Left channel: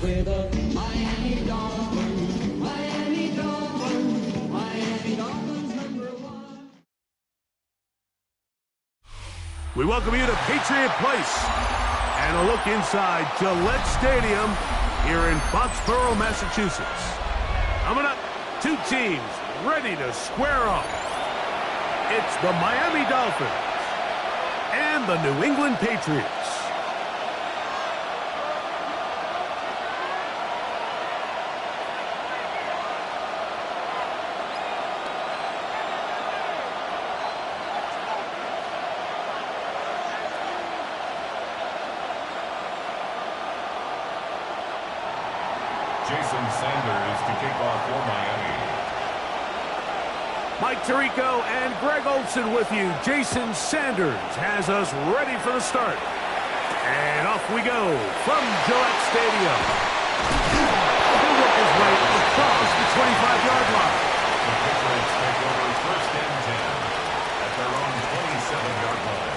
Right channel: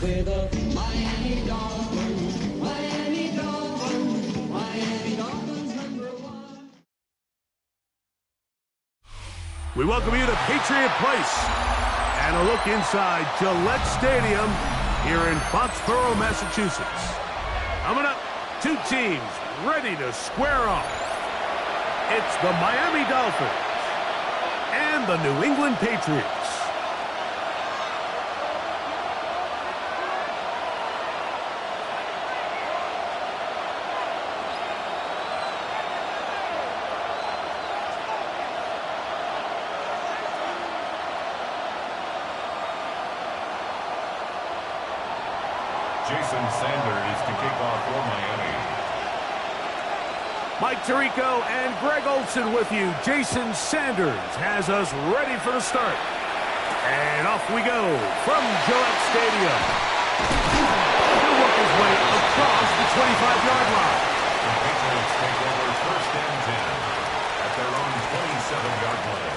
We're the Miami Dolphins, Miami Dolphins, Miami Dolphins #1. We welcome you to Patriot Place and a look inside Gillette Stadium here in Foxborough, Massachusetts. Coming up, two teams ready to square off. It's the Miami Dolphins and the New England Patriots. Jason Sanders to kick off for Miami. Mike Tirico and Greg Olson with you. Jason Sanders has us ready for the start. And off we go from Gillette Stadium. He'll work his way across the 25-yard line. The Patriots take over 1st and 10 at their own 27-yard line.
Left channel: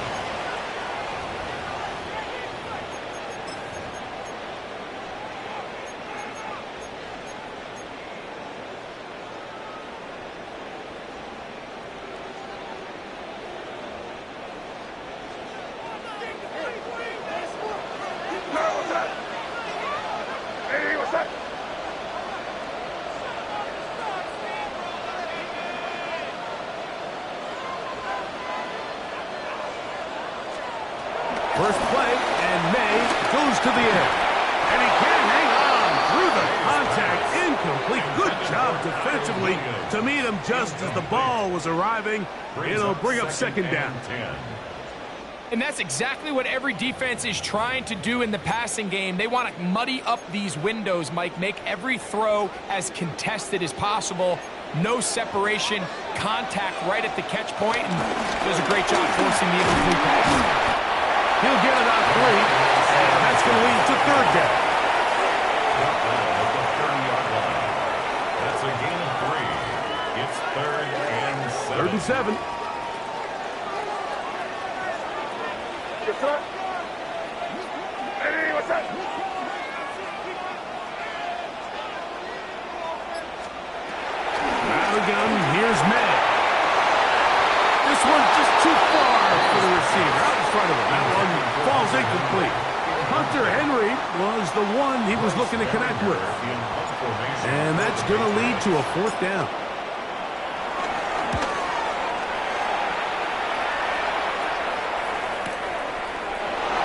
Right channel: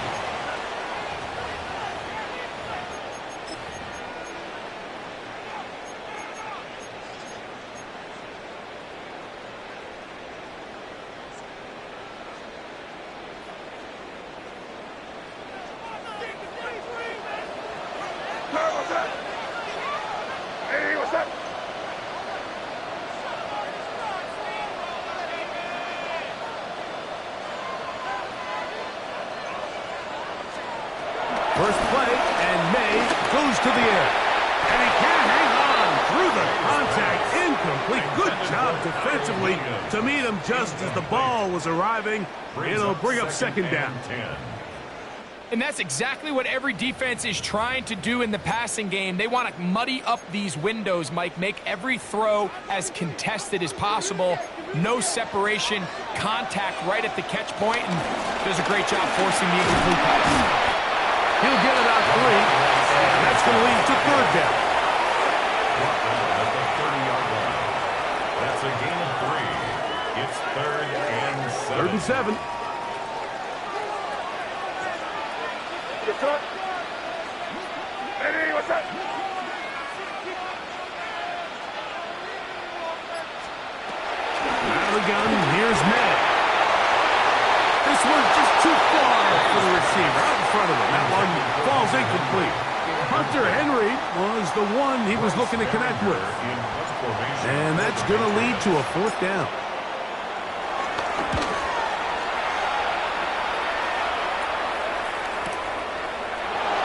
First play, and May goes to the air. And he can't hang on through the contact. Incomplete. Good job defensively to meet him just as the ball was arriving. It'll bring up 2nd down. And that's exactly what every defense is trying to do in the passing game. They want to muddy up these windows, Mike, make every throw as contested as possible. No separation, contact right at the catch point, and does a great job forcing the incomplete pass. He'll get it on 3, and that's going to lead to 3rd down. At the 30-yard line. That's a gain of 3. It's 3rd and 7. 3rd and 7. Hey, what's that? Out of the gun, here's May. This one's just too far for the receiver, out in front of him. That one falls incomplete. Hunter Henry was the one he was looking to connect with. And that's going to lead to a 4th down.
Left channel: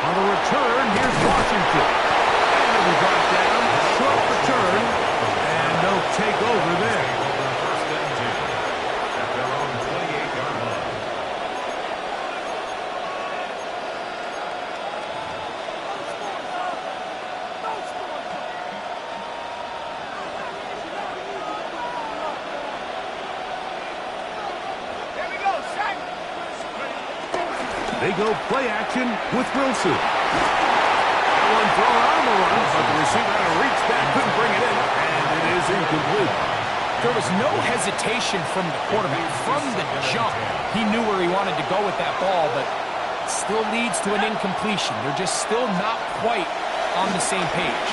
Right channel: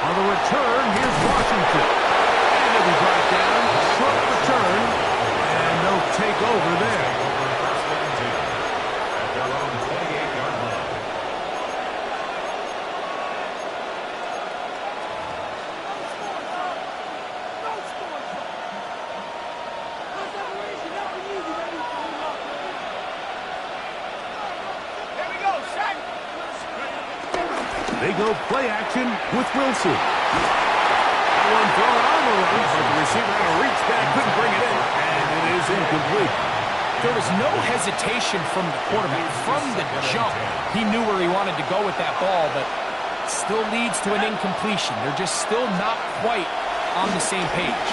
On the return, here's Washington. And he'll be brought down, short return, and they'll take over there. 1st and 10 at their own 28-yard line. They go play action with Wilson. That one thrown on the run, but the receiver had to reach back, couldn't bring it in, and it is incomplete. There was no hesitation from the quarterback. From the jump, he knew where he wanted to go with that ball, but still leads to an incompletion. They're just still not quite on the same page.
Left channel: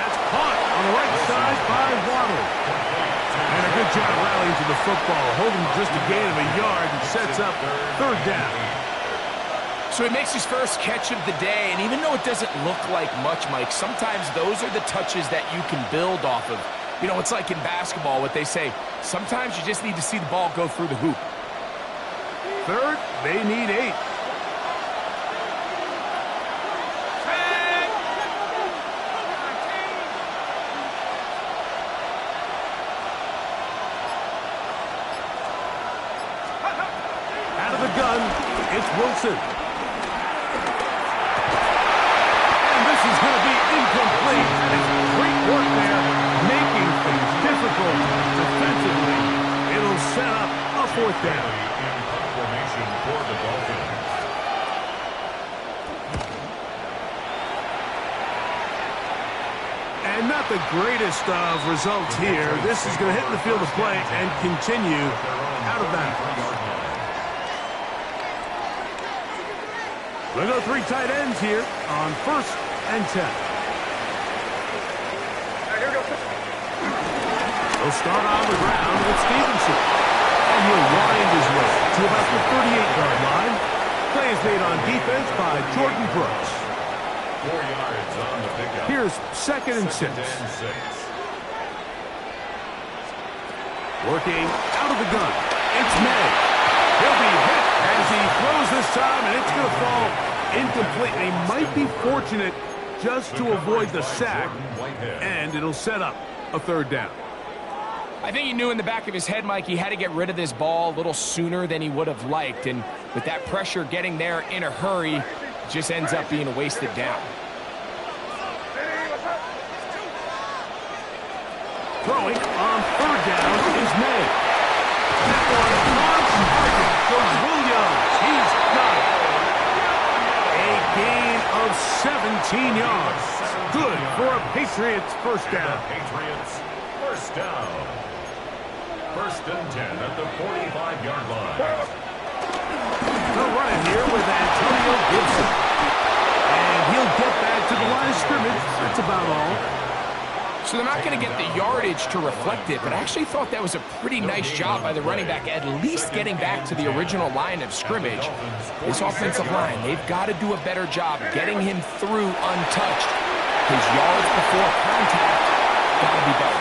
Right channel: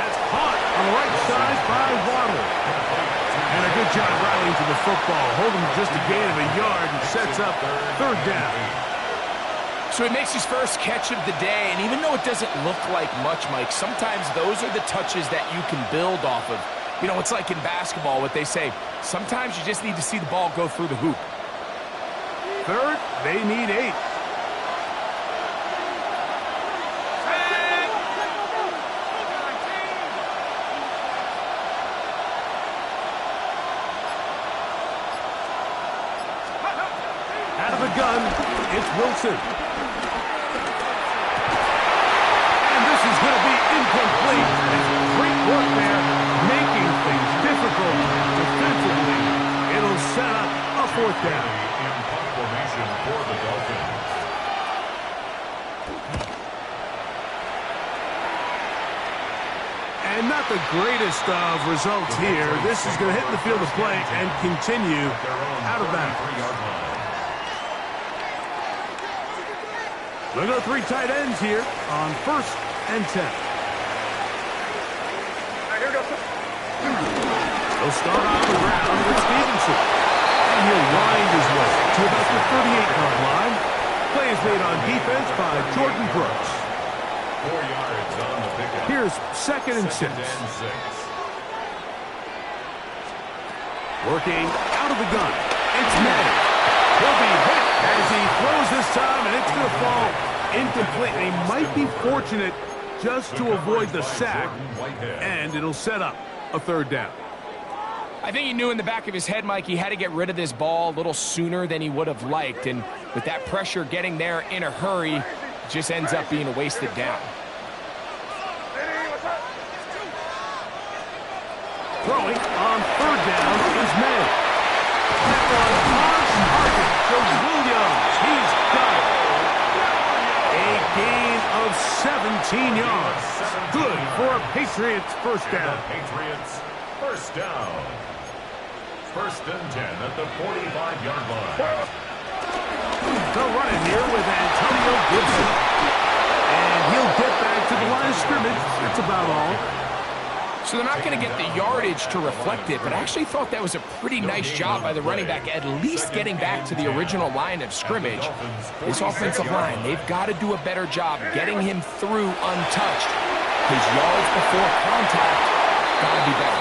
That's caught on the right side by Waddle. And a good job rallying to the football, holding just a gain of a yard and sets up 3rd down. So he makes his first catch of the day, and even though it doesn't look like much, Mike, sometimes those are the touches that you can build off of. You know, it's like in basketball, what they say, sometimes you just need to see the ball go through the hoop. 3rd, they need 8. Out of the gun, it's Wilson. And this is going to be incomplete. That is great work there, making things difficult defensively. It'll set up a 4th down. in punt formation for the Dolphins. And not the greatest of results here. This is going to hit the field of play and continue out of bounds. We'll go 3 tight ends here on 1st and 10. He'll start on the ground with Stevenson. And he'll wind his way to about the 38-yard line. Play is made on defense by Jordan Brooks. 4 yards on the pickup. Here's 2nd and 6. Working out of the gun. It's May. He'll be hit as he throws this time, and it's going to fall incomplete. They might be fortunate just to avoid the sack, and it'll set up a 3rd down. I think he knew in the back of his head, Mike, he had to get rid of this ball a little sooner than he would have liked. And with that pressure getting there in a hurry, it just ends up being a wasted down. Throwing on 3rd down is May. That one on target to Williams. He's got it. A gain of 17 yards. Good for a Patriots 1st down. Patriots 1st down. 1st and 10 at the 45-yard line. They'll run it here with Antonio Gibson. And he'll get back to the line of scrimmage. That's about all. So they're not going to get the yardage to reflect it, but I actually thought that was a pretty nice job by the running back, at least getting back to the original line of scrimmage. This offensive line, they've got to do a better job getting him through untouched. His yards before contact got to be better.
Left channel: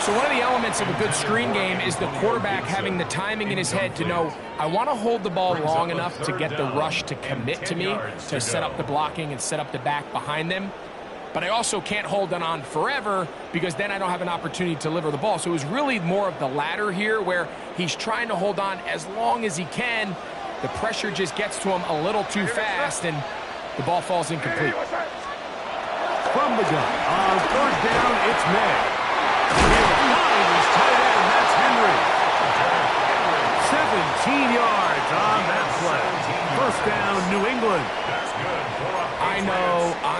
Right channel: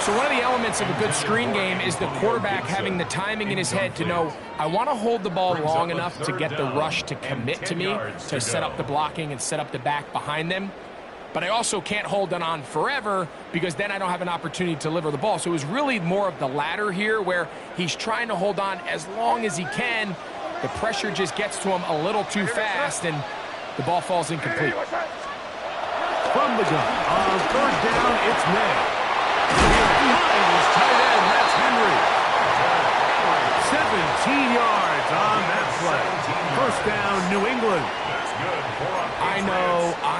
So one of the elements of a good screen game is the quarterback having the timing in his head to know, I want to hold the ball long enough to get the rush to commit to me, to set up the blocking and set up the back behind them. But I also can't hold it on forever because then I don't have an opportunity to deliver the ball. So it was really more of the latter here where he's trying to hold on as long as he can. The pressure just gets to him a little too fast and the ball falls incomplete. From the gun on 3rd down, it's May. He'll find his tight end. That's Henry. 17 yards on that play. 1st down, New England. That's good for a I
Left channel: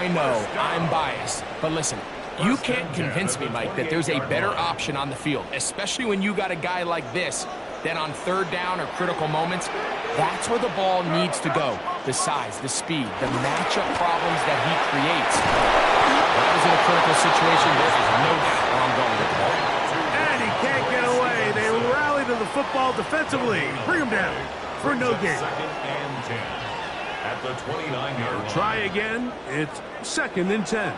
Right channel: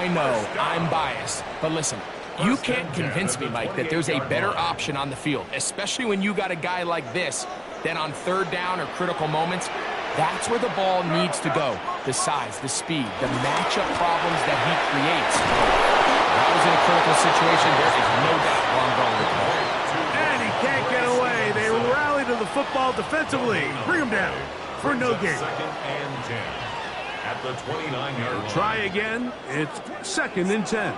know, I'm biased. But listen, you can't convince me, Mike, that there's a better option on the field, especially when you got a guy like this, than on 3rd down or critical moments. That's where the ball needs to go. The size, the speed, the matchup problems that he creates. That was in a critical situation. There is no doubt where I'm going with the ball. And he can't get away. They rally to the football defensively. Bring him down for no gain. 2nd and 10 at the 29-yard line. Try again. It's 2nd and 10.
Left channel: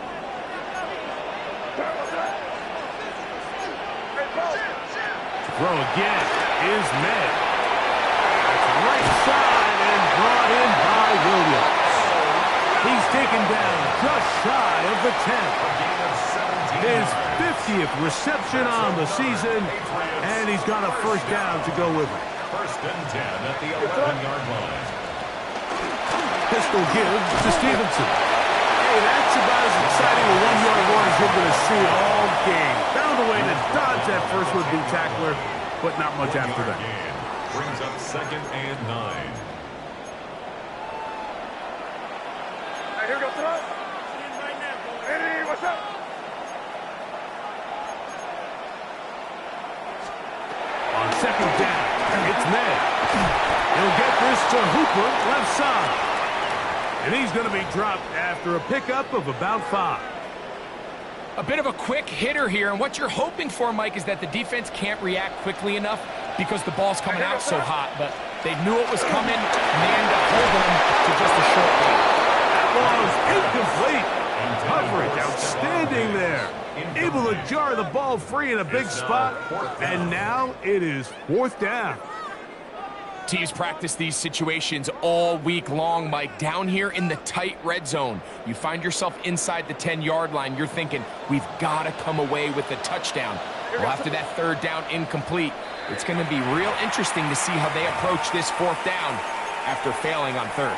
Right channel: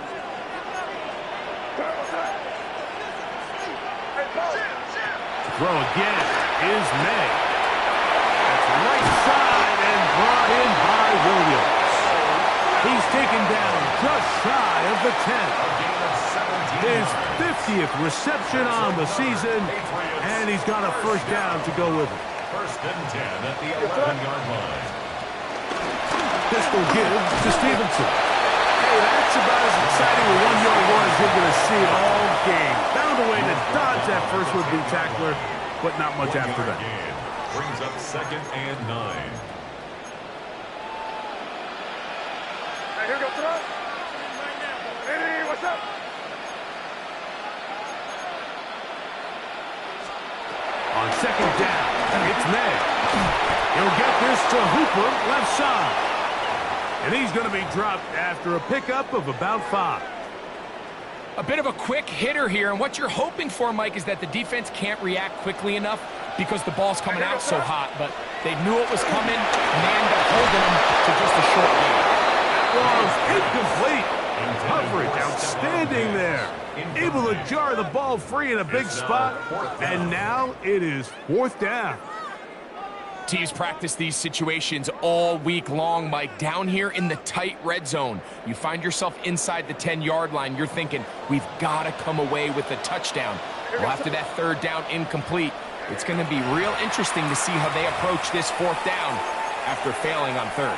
To throw again is May. That's right side and brought in by Williams. He's taken down just shy of the 10. His 50th reception on the season, and he's got a 1st down to go with it. 1st and 10 at the 11-yard line. Pistol give to Stevenson. Hey, that's about as exciting a 1-yard run as you're going to see all game. Found a way to dodge that first would-be tackler, but not much after that. Brings up 2nd and 9. Here we go, throw. Hey, what's up? On 2nd down, it's May. He'll get this to Hooper, left side. And he's going to be dropped after a pickup of about 5. A bit of a quick hitter here, and what you're hoping for, Mike, is that the defense can't react quickly enough because the ball's coming out so hot, but they knew it was coming, and they end up holding them to just a short game. Was incomplete. Coverage outstanding there. Able to jar the ball free in a big spot. And now it is 4th down. Teams practice these situations all week long, Mike. Down here in the tight red zone, you find yourself inside the 10-yard line. You're thinking, we've got to come away with a touchdown. Well, after that 3rd down incomplete, it's going to be real interesting to see how they approach this 4th down after failing on 3rd.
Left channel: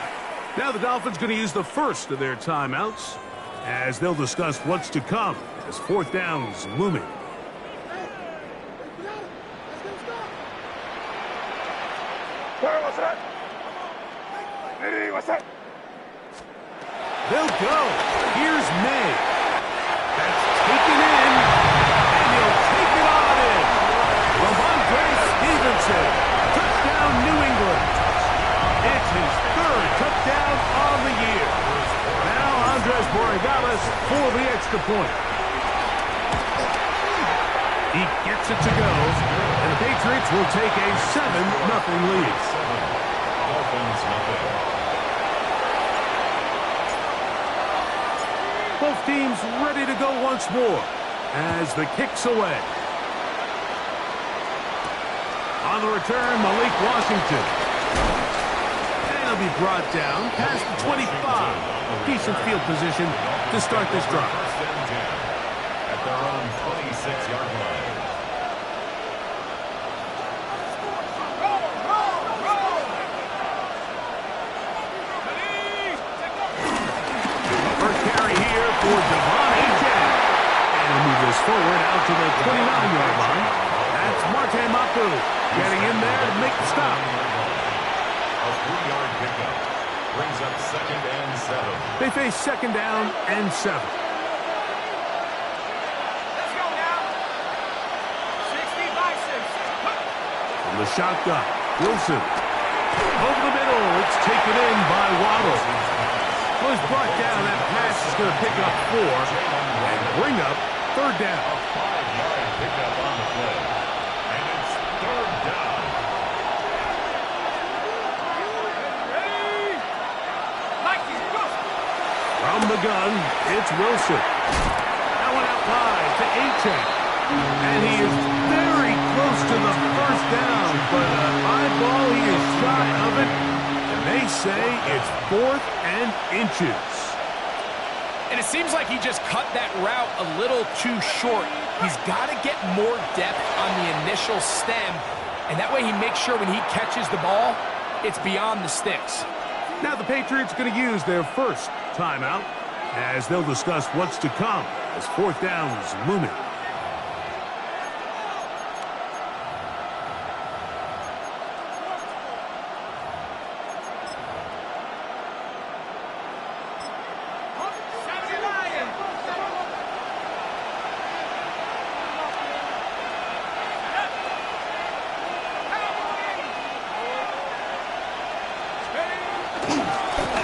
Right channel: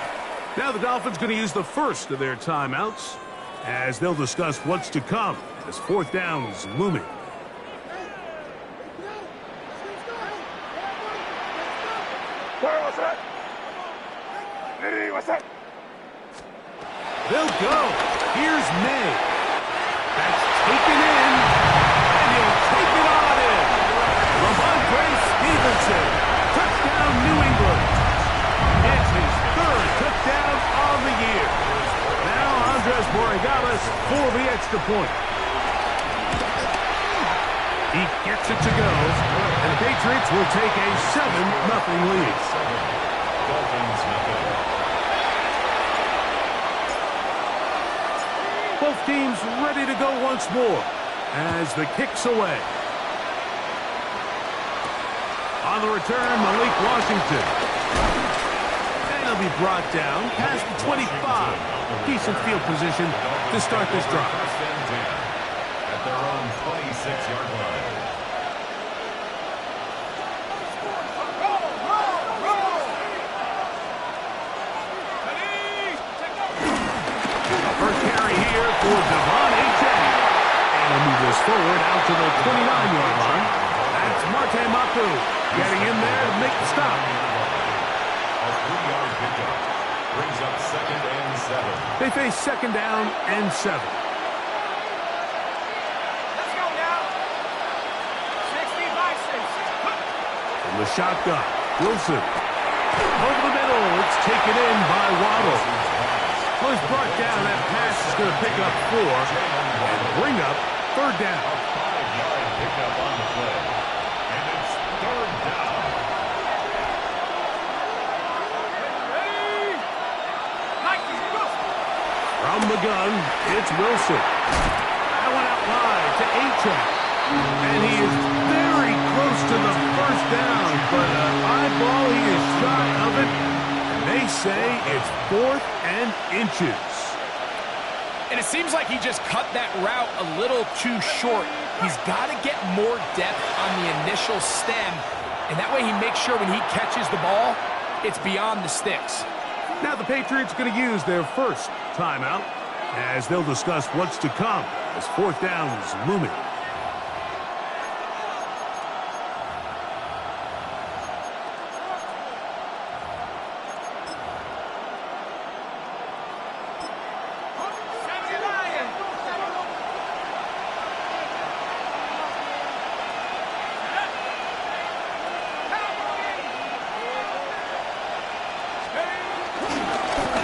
Now the Dolphins going to use the first of their timeouts as they'll discuss what's to come as 4th down's looming. Sorry, what's that? What's that? They'll go. Here's May. That's taken in, and he'll take it on in. Ramondre Stevenson. Touchdown, New England. It's his third touchdown on the year. Now Andres Borregales for the extra point. He gets it to go, and the Patriots will take a 7-0 lead. 7. Dolphins nothing. Both teams ready to go once more as the kick's away. On the return, Malik Washington. And he'll be brought down past the 25. Decent field position to start this drive. First and 10 at their own 26-yard line. First carry here for Devon Achane. And he'll move this forward out to the 29-yard line. That's Marte Mapu getting in there to make the stop. A 3-yard pickup brings up 2nd and 7. They face 2nd down and 7. Let's go now. 60 by 6. From the shotgun, Wilson. Over the middle, it's taken in by Waddle. Was brought down. That pass is going to pick up 4 and bring up 3rd down. A 5-yard pickup on the play. And it's 3rd down. Ready? Mikey, go. From the gun, it's Wilson. That one out wide to Achane. And he is very close to the 1st down, but an eyeball, he is shy of it. They say it's 4th and inches. And it seems like he just cut that route a little too short. He's got to get more depth on the initial stem, and that way he makes sure when he catches the ball, it's beyond the sticks. Now the Patriots are going to use their first timeout as they'll discuss what's to come as 4th down is looming.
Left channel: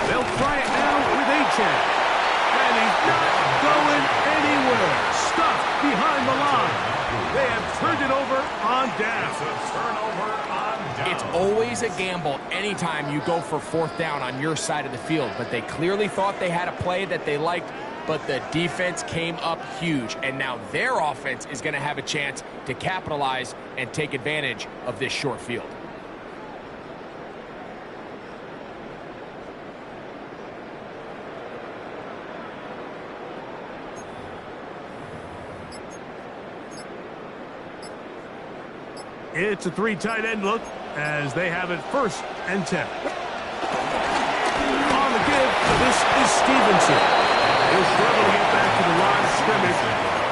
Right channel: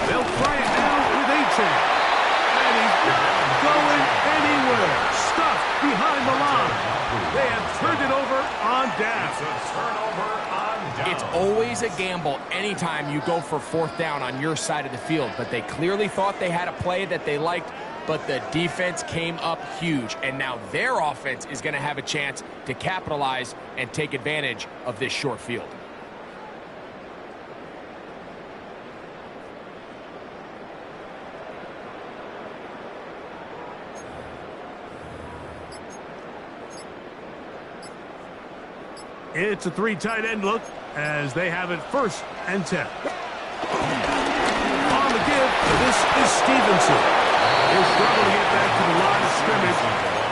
They'll try it now with Achane. And he's not going anywhere. Stuffed behind the line. They have turned it over on down. It's a turnover on down. It's always a gamble anytime you go for 4th down on your side of the field, but they clearly thought they had a play that they liked, but the defense came up huge, and now their offense is going to have a chance to capitalize and take advantage of this short field. It's a 3 tight end look as they have it 1st and 10. On the give, this is Stevenson. He'll struggle to get back to the line of scrimmage.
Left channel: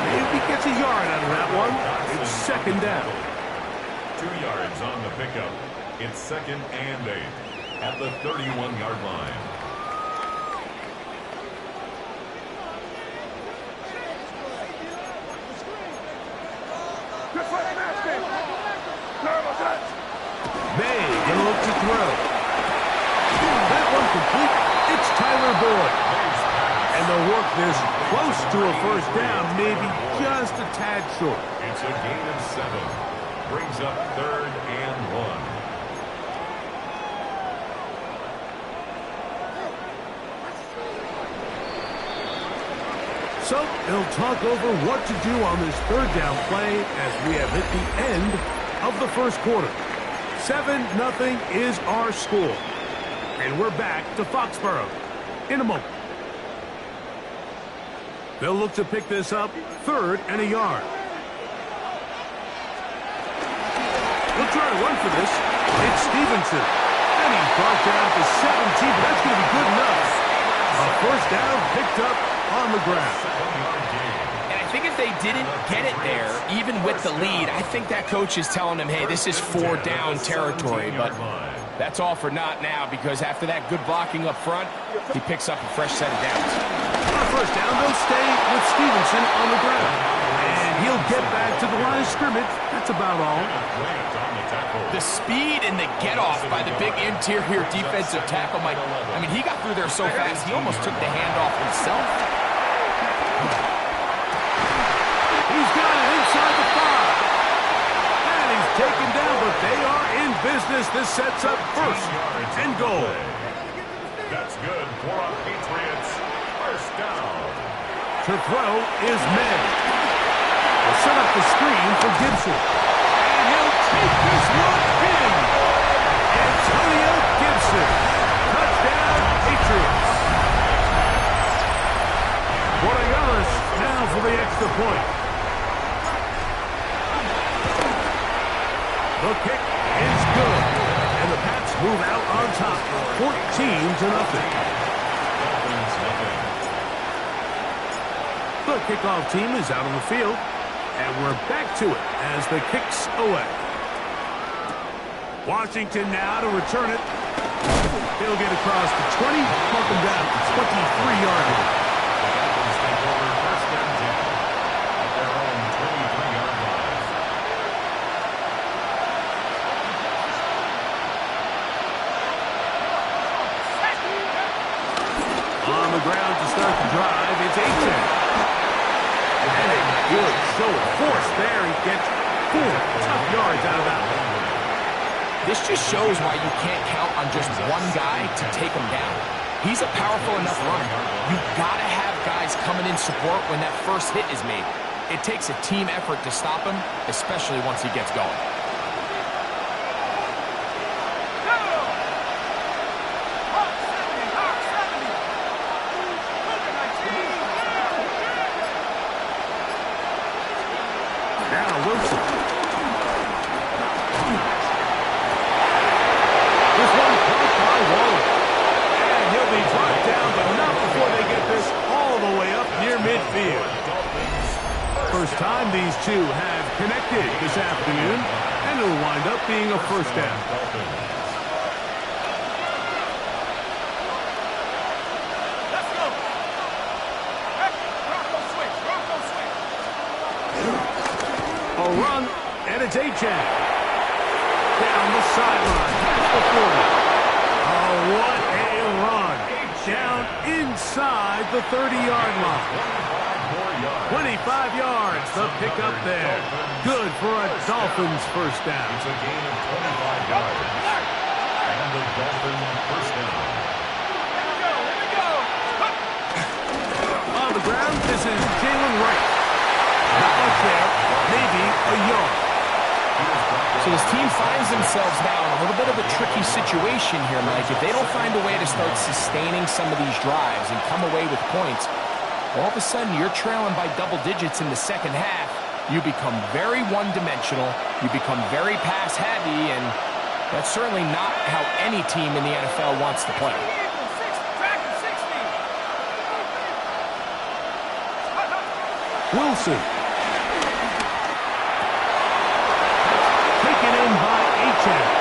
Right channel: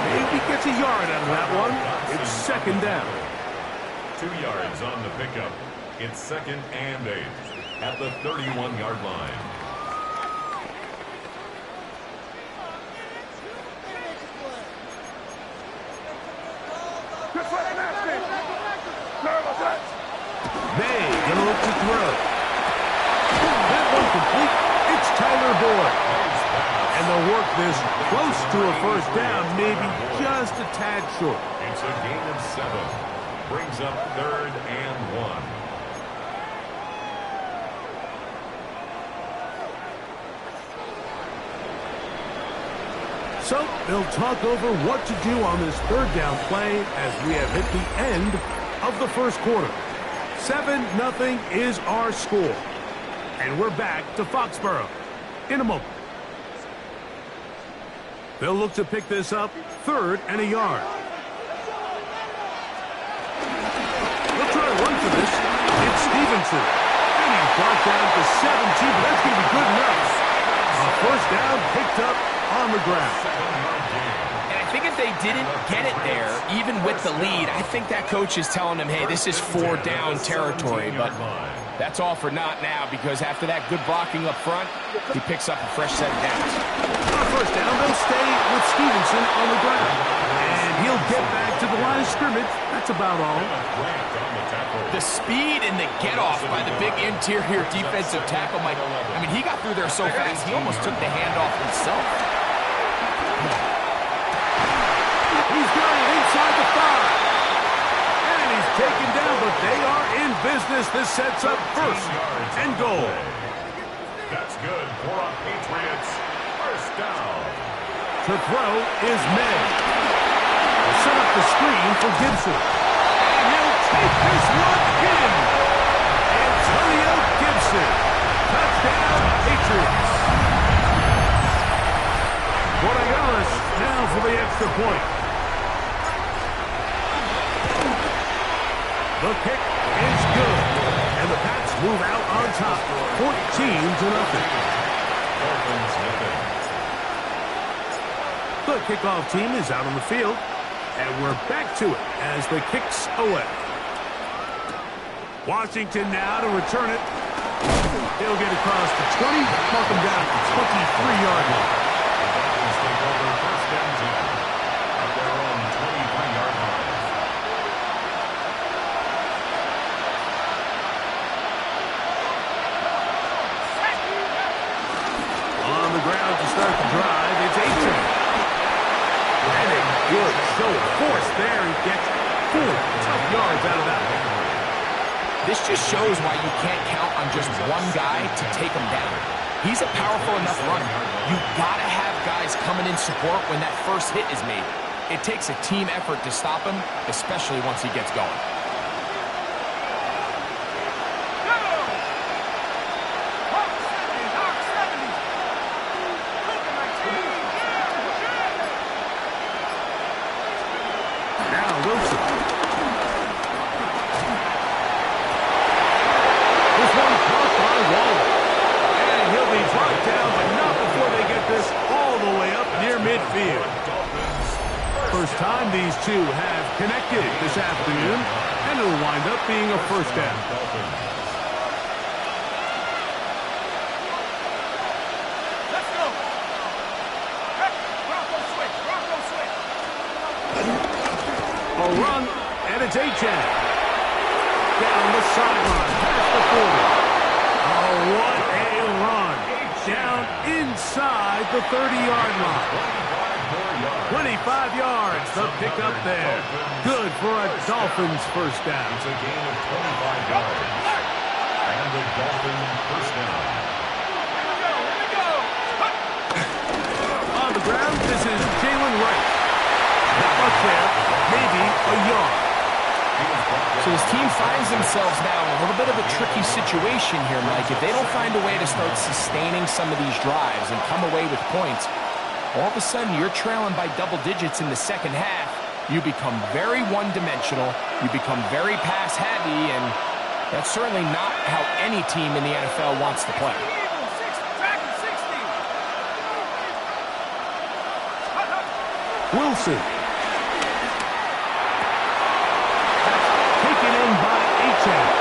Maybe gets a yard out of that one. It's 2nd down. 2 yards on the pickup. It's 2nd and 8 at the 31-yard line. Good play, nasty. Sorry, what's that? May gonna look to throw. That one complete. It's Tyler Boyd. And they'll work this close to a 1st down, maybe just a tad short. It's a gain of 7. Brings up 3rd and 1. So they'll talk over what to do on this 3rd down play as we have hit the end of the 1st quarter. 7-0 is our score. And we're back to Foxborough in a moment. They'll look to pick this up 3rd and a yard. They'll try to run for this. It's Stevenson. And he's brought down to 17, but that's going to be good enough. A 1st down picked up on the ground. 7-yard gain. And I think if they didn't get it there, even with the lead, I think that coach is telling them, hey, this is 4 down territory. But That's all for naught now, because after that good blocking up front, he picks up a fresh set of downs. On first down, they'll stay with Stevenson on the ground. And he'll get back to the line of scrimmage. That's about all. The speed and the get-off by the big interior defensive tackle, Mike. I mean, he got through there so fast, he almost took the handoff himself. He's got it inside the 5. And he's taken down, but they are in business. This sets up first and goal. That's good for our Patriots. First down. To throw is May. They'll set up the screen for Gibson. And he'll take this one in. Antonio Gibson. Touchdown, Patriots. Borregales now for the extra point. The kick is good. And the Pats move out on top, 14-0. Dolphins nothing. The kickoff team is out on the field. And we're back to it as the kick's away. Washington now to return it. He'll get across the 20, mark him down at the 23-yard line. The Dolphins take over first and 10 at their own 23-yard line. On the ground to start the drive, it's Aiken. And a good show of force there. He gets 4 tough yards out of that one. This just shows why you can't count on just one guy to take him down. He's a powerful enough runner. You gotta have guys coming in support when that first hit is made. It takes a team effort to stop him, especially once he gets going. Now Wilson. This one caught by Waller. And he'll be brought down, but not before they get this all the way up near midfield. First time these two have connected this afternoon, and it'll wind up being a first down. Let's go. Bronco switch. Bronco switch. A run, and it's Achane. Down the sideline, past the 40. Oh, what a run. Down inside the 30-yard line. 25 yards, the pickup there. Good for a Dolphins first down. It's a gain of 25 yards. And the Dolphins first down. Here we go. On the ground, this is Jalen Wright. Not much there, maybe a yard. So this team finds themselves now in a little bit of a tricky situation here, Mike. If they don't find a way to start sustaining some of these drives and come away with points, all of a sudden you're trailing by double digits in the second half. You become very one-dimensional. You become very pass-heavy, and that's certainly not how any team in the NFL wants to play. Wilson. Taken in by Achane.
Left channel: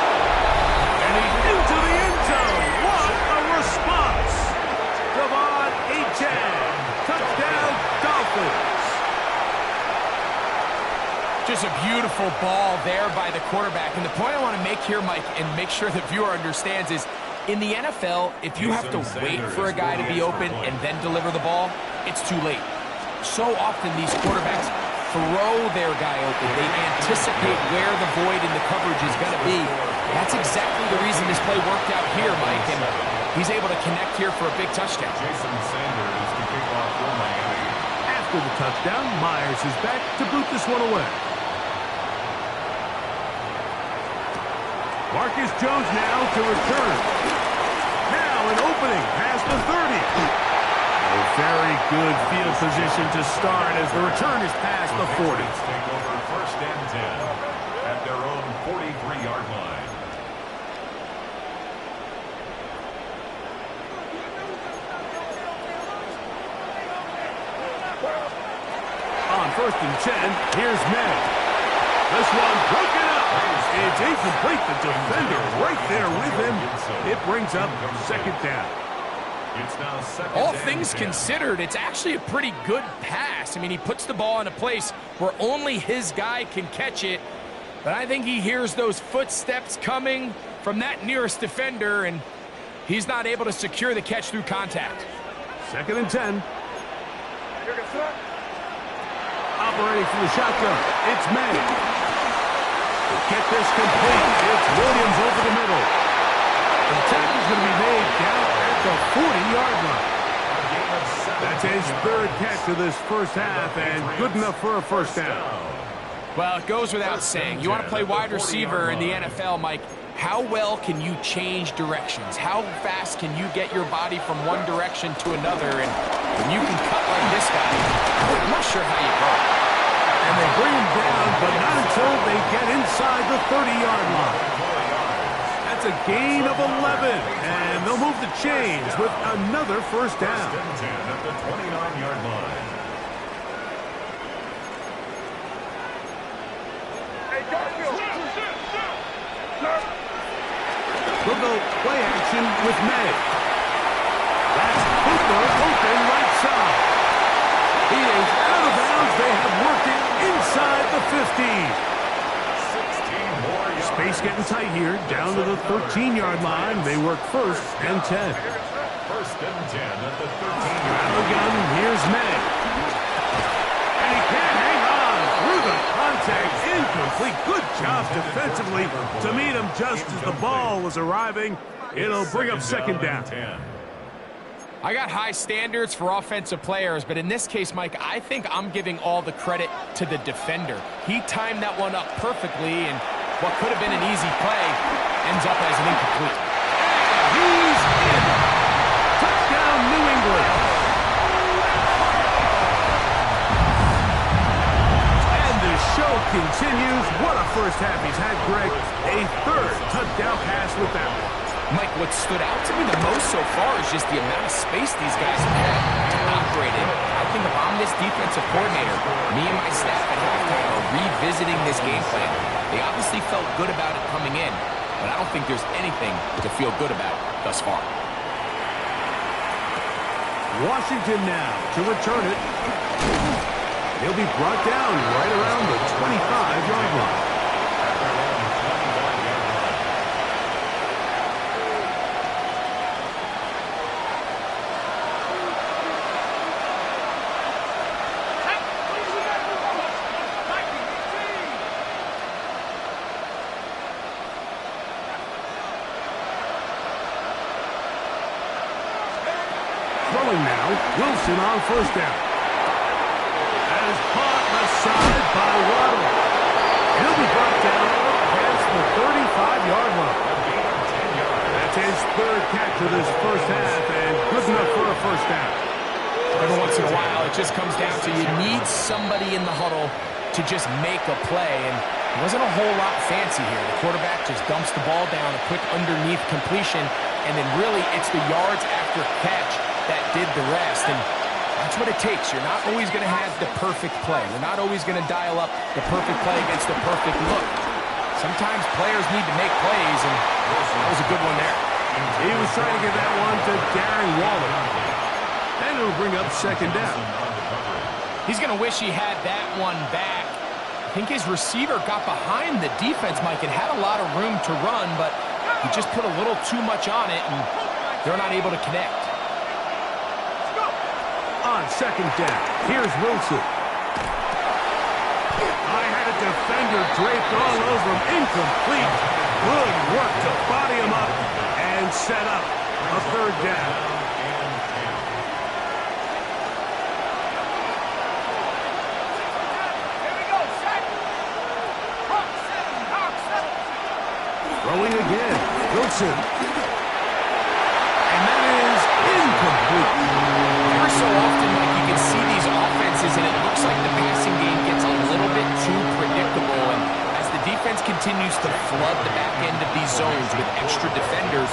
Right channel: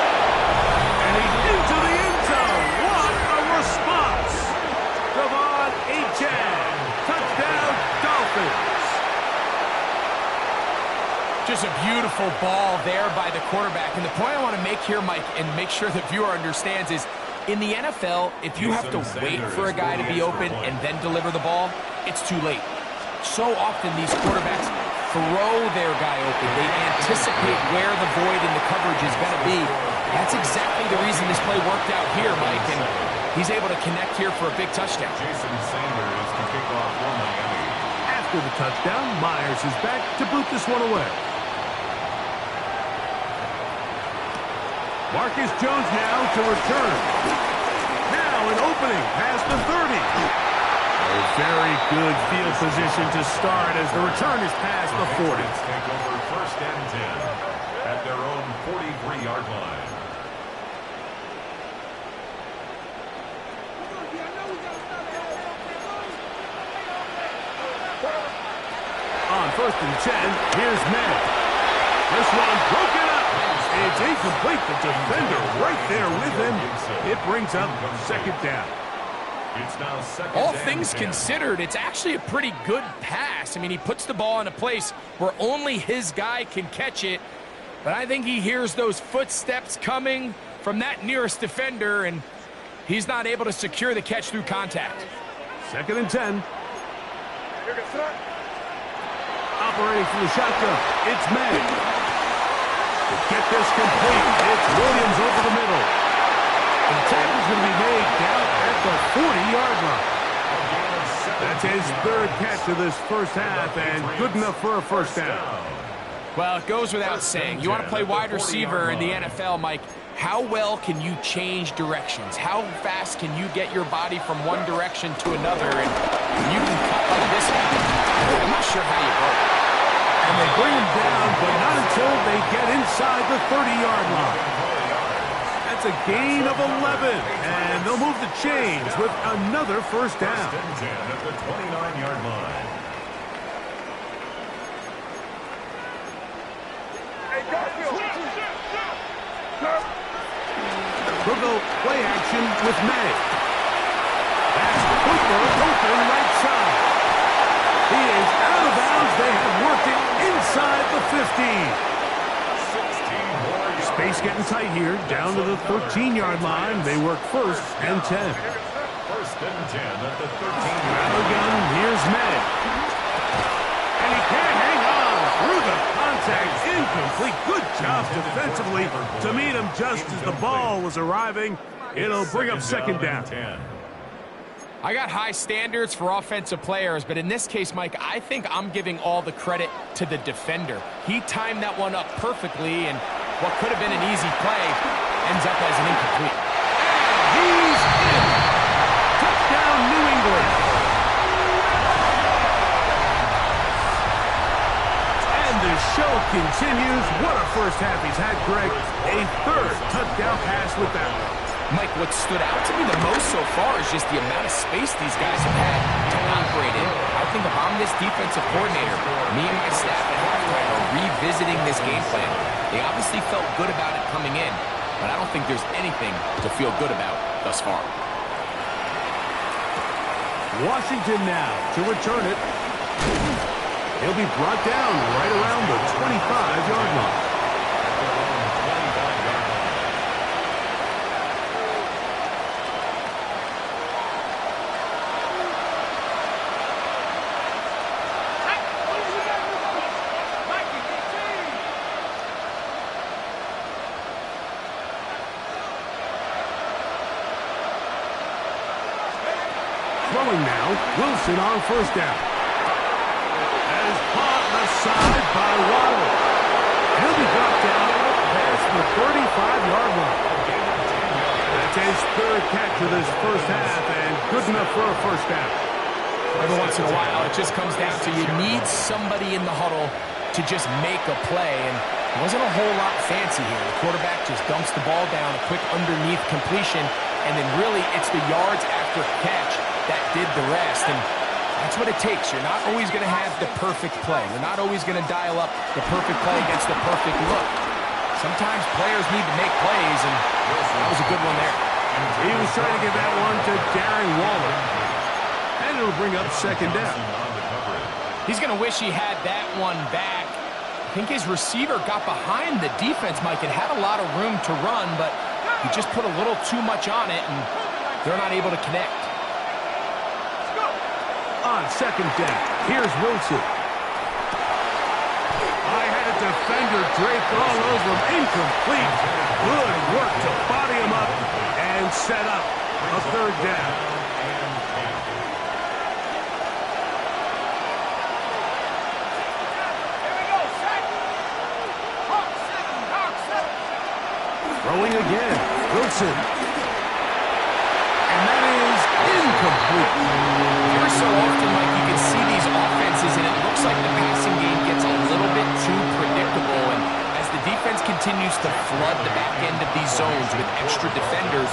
And he's into the end zone. What a response. Devon Achane. Touchdown, Dolphins. Just a beautiful ball there by the quarterback. And the point I want to make here, Mike, and make sure the viewer understands is, in the NFL, if you have to wait for a guy to be open and then deliver the ball, it's too late. So often these quarterbacks throw their guy open. They anticipate where the void in the coverage is going to be. That's exactly the reason this play worked out here, Mike, and he's able to connect here for a big touchdown. Jason Sanders to kick off for Miami. After the touchdown, Myers is back to boot this one away. Marcus Jones now to return. Now an opening past the 30. A very good field position to start as the return is past the 40. Take over first and 10 at their own 43-yard line. On first and 10, here's May. This one broken up. It's incomplete. The defender right there with him. It brings up second down. It's now second All and things 10. considered, it's actually a pretty good pass. I mean, he puts the ball in a place where only his guy can catch it. But I think he hears those footsteps coming from that nearest defender, and he's not able to secure the catch through contact. Second and 10. Here goes throw. Operating from the shotgun, it's May. To get this complete, it's Williams over the middle. The tackle's going to be made down at the 40-yard line. A gain of 17 That's his yards. third catch of this first half, and good enough for a first down. Well, it goes without saying. You want to play wide receiver in the NFL, Mike. How well can you change directions? How fast can you get your body from one direction to another? And when you can cut like this guy, I'm not sure how you go. And they bring him down, but not until they get inside the 30-yard line. That's a gain of 11, and they'll move the chains with another first down. First and 10 at the 29-yard line. Hey, Garfield. Sir. We'll go play action with May. That's Cooper open right side. He is out of bounds. They have worked it inside the 15. 16 more yards. Space getting tight here, down to the 13-yard line. They work first and 10. First and 10 at the 13-yard Out of the line. gun, here's May. And he can't hang on through the contact. Incomplete. Good job defensively to meet him just as the ball was arriving. It'll bring up second down. 10. I got high standards for offensive players, but in this case, Mike, I think I'm giving all the credit to the defender. He timed that one up perfectly, and what could have been an easy play ends up as an incomplete. And he's in. Touchdown, New England. And the show continues. What a first half he's had, Greg. A third touchdown pass with that one. Mike, what stood out to me the most so far is just the amount of space these guys have had to operate in. I think if I'm this defensive coordinator, me and my staff at halftime are revisiting this game plan. They obviously felt good about it coming in, but I don't think there's anything to feel good about thus far. Washington now to return it. He'll be brought down right around the 25-yard line. At their own 25-yard line. Throwing now, Wilson on first down. That is caught left side by Waddle. He'll be brought down up past the 35-yard line. A gain of 10 yards. That's his third catch of this first half, and good enough for a first down. Every once in a while, it just comes down to you need somebody in the huddle to just make a play, and it wasn't a whole lot fancy here. The quarterback just dumps the ball down, a quick underneath completion, and then really it's the yards after catch that did the rest, and that's what it takes. You're not always going to have the perfect play. You're not always going to dial up the perfect play against the perfect look. Sometimes players need to make plays, and that was a good one there. He was trying to get that one to Darren Waller. And it'll bring up second down. On the coverage. He's going to wish he had that one back. I think his receiver got behind the defense, Mike, and had a lot of room to run, but he just put a little too much on it, and they're not able to connect. On second down, here's Wilson. I had a defender draped all over him. Incomplete. Good work to body him up and set up a third down. And 10. Throwing again, Wilson. And that is incomplete. Every so often, Mike, you can see these offenses, and it looks like the passing game gets a little bit too predictable. And as the defense continues to flood the back end of these zones with extra defenders,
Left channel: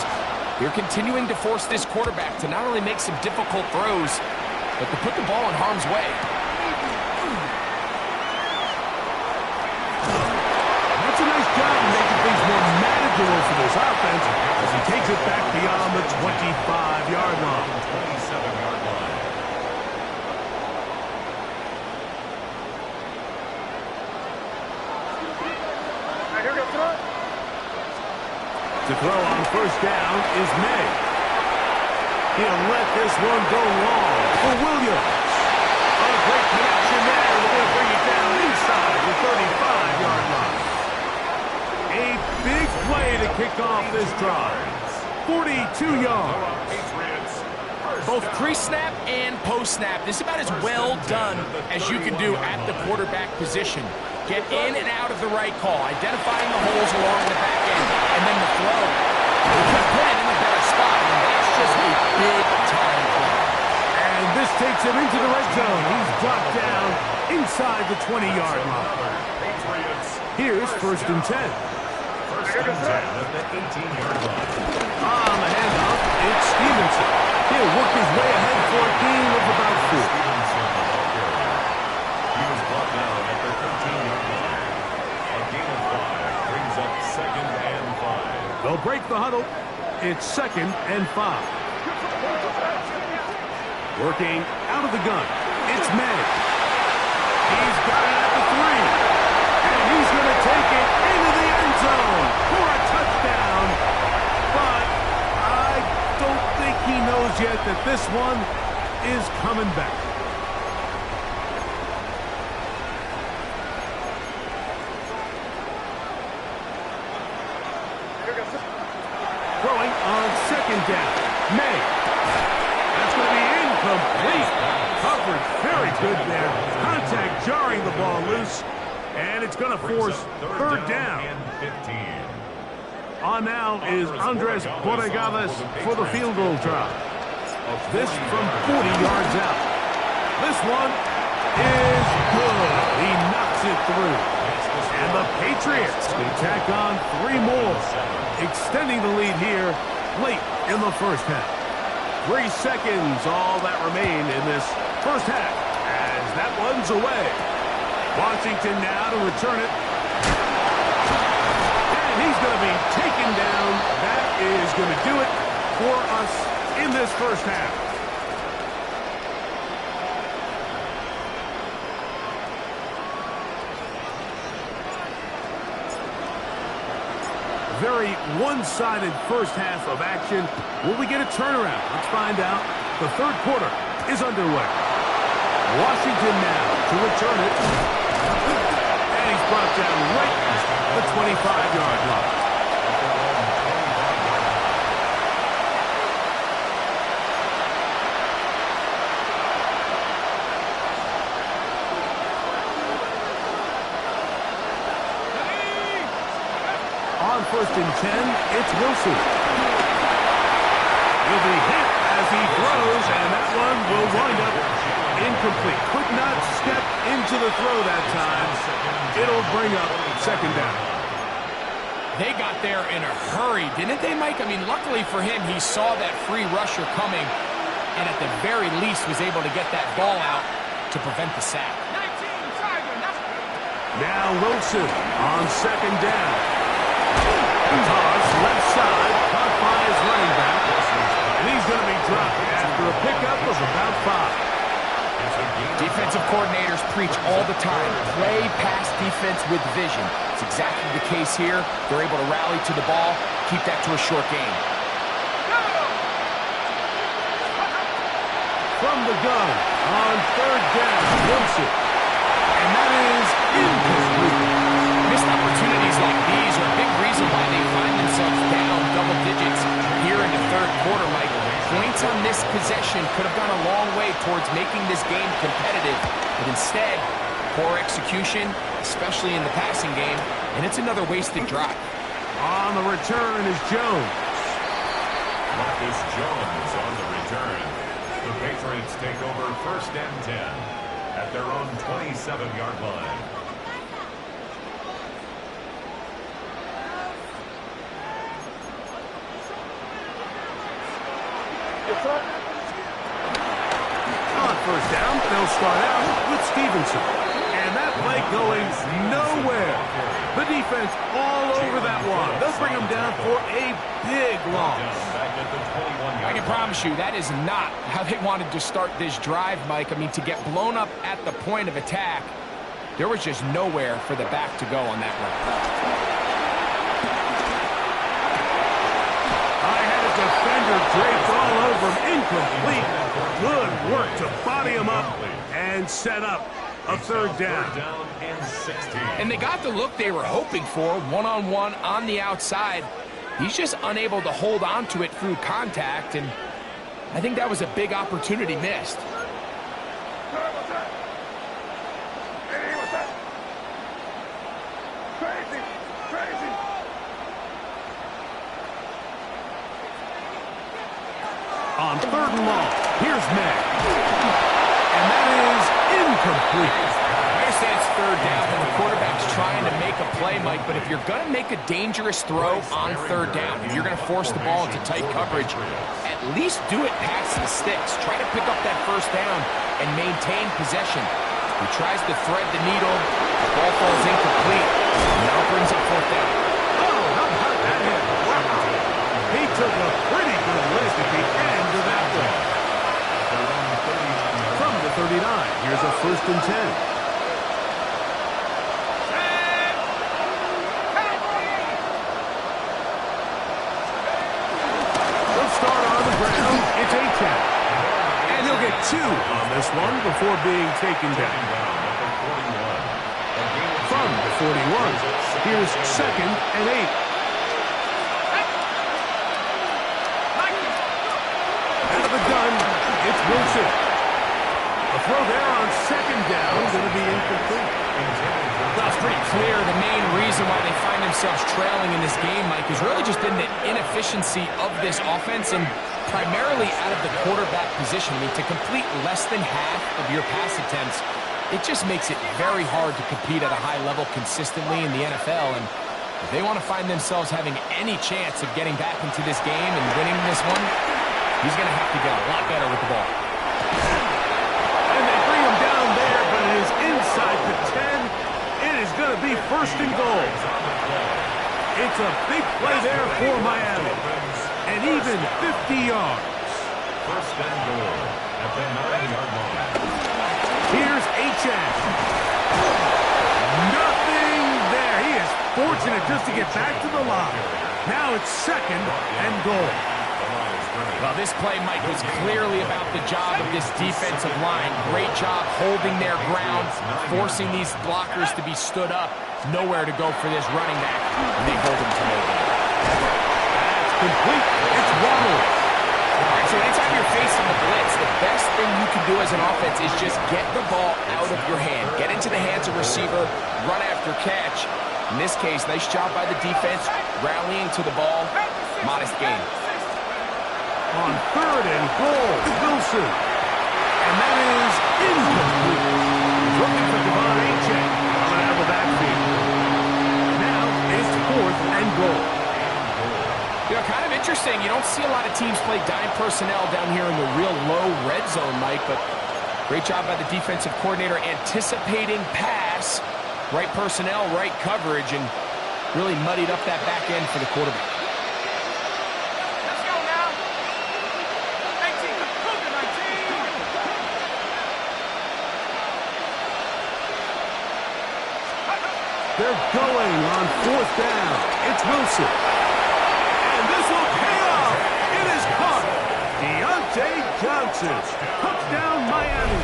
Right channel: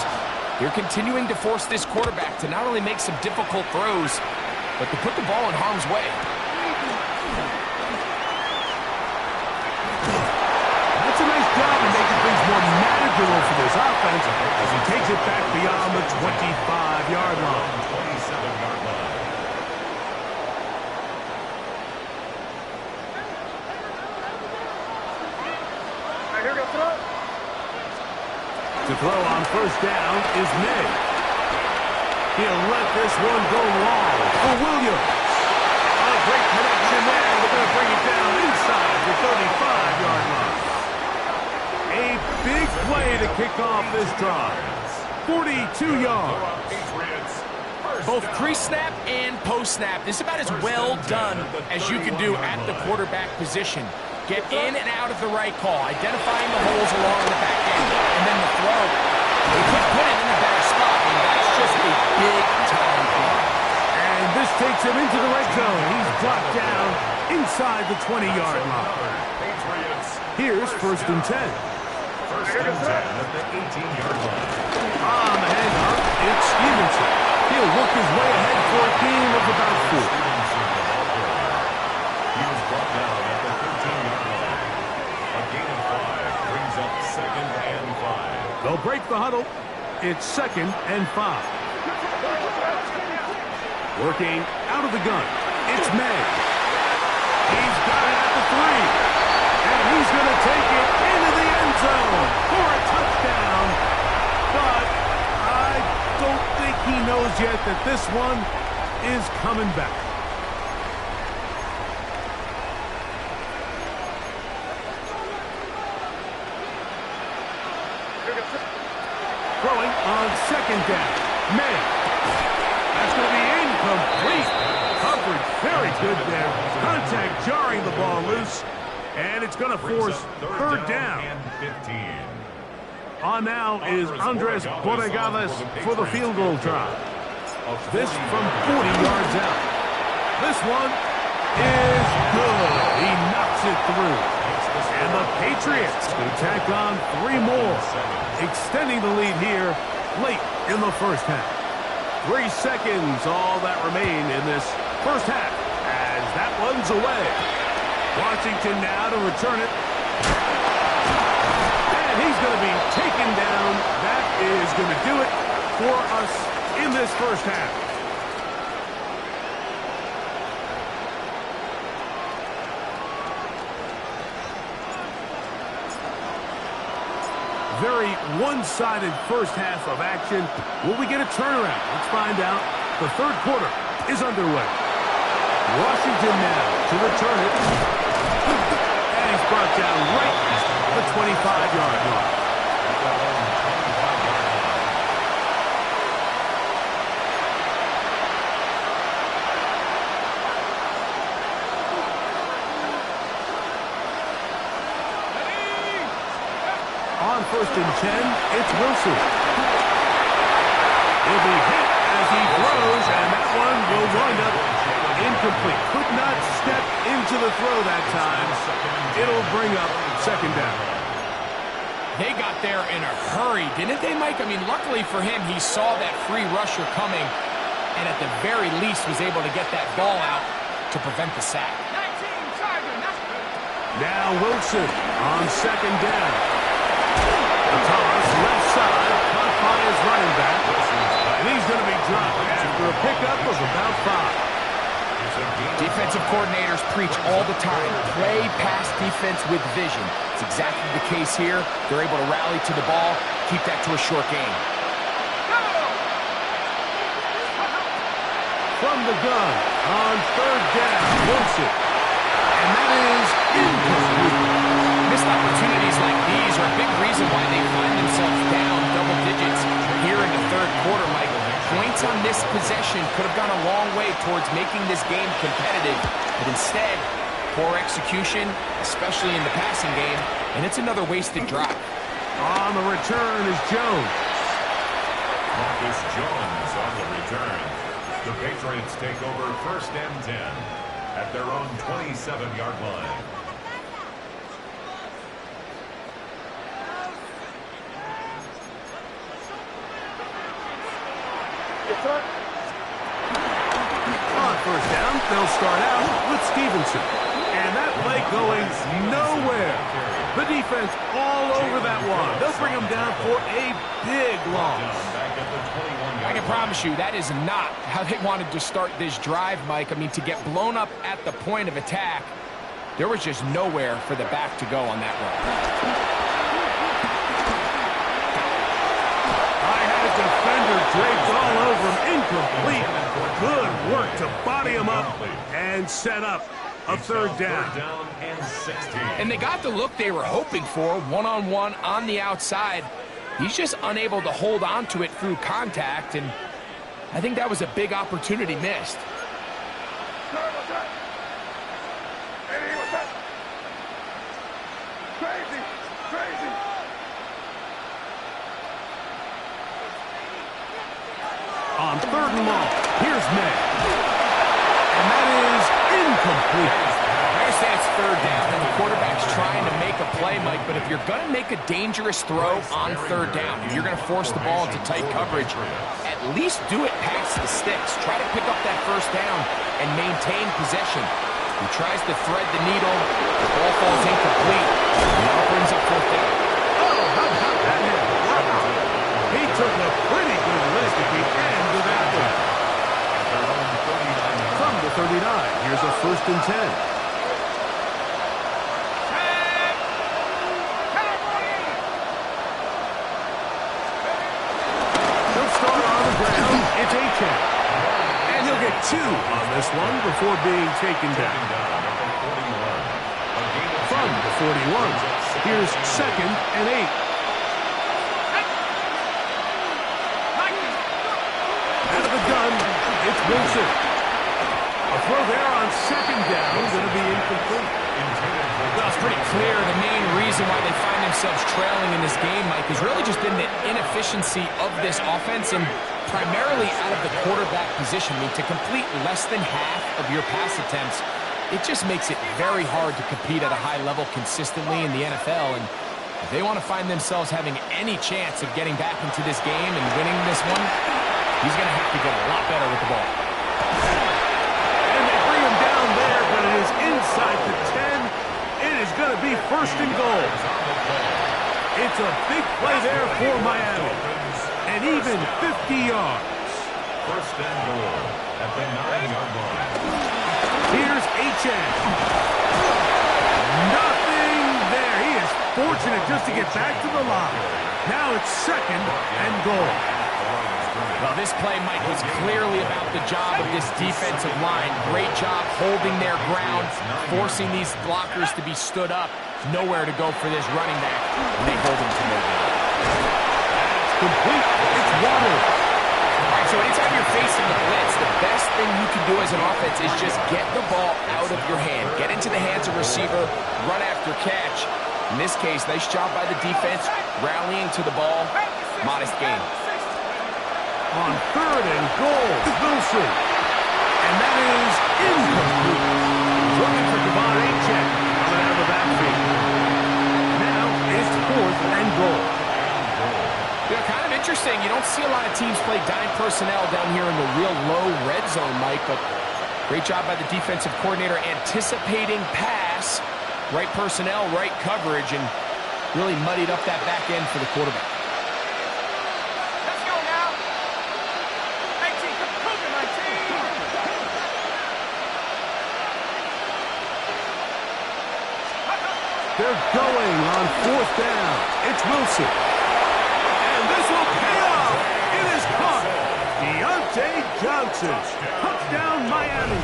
they're continuing to force this quarterback to not only make some difficult throws, but to put the ball in harm's way. That's a nice job of making more manageable for this offense as he takes it back beyond the 25-yard line. 27-yard line. Here we go, throw. To throw on first down is May. He'll let this one go long for Williams. A great connection there. They're going to bring it down inside the 35-yard line. A big play to kick off this drive. 42 yards. Both pre-snap and post-snap. This is about as well done as you can do at the quarterback position. Get in and out of the right call, identifying the holes along the back end, and then the throw. You could put it in a better spot, and that's just a big-time play. And this takes him into the red zone. He's dropped down inside the 20-yard line. Here's first and 10. First and 10 at the 18-yard line. On the handoff, it's Stevenson. He'll work his way ahead for a gain of about 4. Stevenson, the ball carrier. He was brought down at the 13-yard line. A gain of 5 brings up second and 5. They'll break the huddle. It's second and 5. Working out of the gun. It's May. He's got it at the 3. And he's going to take it into the end zone for a touchdown. But I don't think he knows yet that this one is coming back. Throwing on second down. May. That's going to be incomplete. Coverage very good there. Contact jarring the ball loose. And it's going to force third down. And 15. On now is Andres Borregales for the field goal try. This from 40 yards out. This one is good. He knocks it through. And the Patriots can tack on 3 more, extending the lead here late in the first half. 3 seconds, all that remain in this first half, as that one's away. Washington now to return it. And he's going to be taken down. That is going to do it for us in this first half. Very one-sided first half of action. Will we get a turnaround? Let's find out. The third quarter is underway. Washington now to return it. And he's brought down right at the 25-yard line. At their own 25-yard line. On first and 10, it's Wilson. He'll be hit as he throws, and that one will wind up incomplete. Could not step into the throw that time. It'll bring up second down. They got there in a hurry, didn't they, Mike? I mean, luckily for him, he saw that free rusher coming, and at the very least was able to get that ball out to prevent the sack. Now Wilson on second down. A toss, left side, caught by his running back. And he's going to be dropped after a pickup of about 5. Defensive coordinators preach all the time, play pass defense with vision. It's exactly the case here. They're able to rally to the ball, keep that to a short game. From the gun, on third down, Wilson. And that is incomplete. Missed opportunities like these are a big reason why they find themselves down double digits here in the third quarter, Michael. Points on this possession could have gone a long way towards making this game competitive. But instead, poor execution, especially in the passing game, and it's another wasted drive. On the return is Jones. Marcus Jones on the return. The Patriots take over first and 10 at their own 27-yard line. On first down, they'll start out with Stevenson. And And that play going nowhere. The defense all over that one. They'll bring them down for a big loss. I can promise you that is not how they wanted to start this drive, Mike. I mean, to get blown up at the point of attack, there was just nowhere for the back to go on that run. I had a defender draped all over him. Incomplete. Good work to body him up and set up a third down. And they got the look they were hoping for, one-on-one on the outside. He's just unable to hold on to it through contact, and I think that was a big opportunity missed. Sorry about that. Eddie, what's that? Crazy, crazy. On third and long, here's May. And that is incomplete. I understand it's third down and the quarterback's trying to make a play, Mike, but if you're going to make a dangerous throw on third down, if you're going to force the ball into tight coverage, at least do it past the sticks. Try to pick up that first down and maintain possession. He tries to thread the needle. The ball falls incomplete. Now brings up fourth down. Oh, how about that hit? Wow. He took a pretty good lick at the end of that one. From the 39, here's a 1st and 10. Start on the ground, it's Achane. And he'll get 2 on this one before being taken down. From the 41, here's 2nd and 8. Out of the gun, it's Wilson. A throw there on 2nd down, going to be incomplete. Well, it's pretty clear the main reason why they find themselves trailing in this game, Mike, has really just been the inefficiency of this offense and primarily out of the quarterback position. I mean, to complete less than half of your pass attempts, it just makes it very hard to compete at a high level consistently in the NFL. And if they want to find themselves having any chance of getting back into this game and winning this one, he's going to have to get a lot better with the ball. And they bring him down there, but it is inside the 10. It is going to be 1st and goal. It's a big play there for Miami. And even 50 yards. 1st and goal at the 9-yard line. Here's Achane. Nothing there. He is fortunate just to get back to the line. Now it's 2nd and goal. Well, this play, Mike, was clearly about the job of this defensive line. Great job holding their ground, forcing these blockers to be stood up. Nowhere to go for this running back, and they hold him to no gain. That's complete. It's Waddle. All right, so anytime you're facing the blitz, the best thing you can do as an offense is just get the ball out of your hand. Get into the hands of receiver, run after catch. In this case, nice job by the defense, rallying to the ball. Modest gain. On 3rd and goal, Wilson. And that is incomplete. He's looking for Devon Achane coming out of the backfield. Now it's 4th and goal. You know, kind of interesting. You don't see a lot of teams play dime personnel down here in the real low red zone, Mike, but great job by the defensive coordinator anticipating pass, right personnel, right coverage, and really muddied up that back end for the quarterback. They're going on 4th down. It's Wilson. And this will pay off. It is caught. Deontay Johnson. Touchdown, Miami.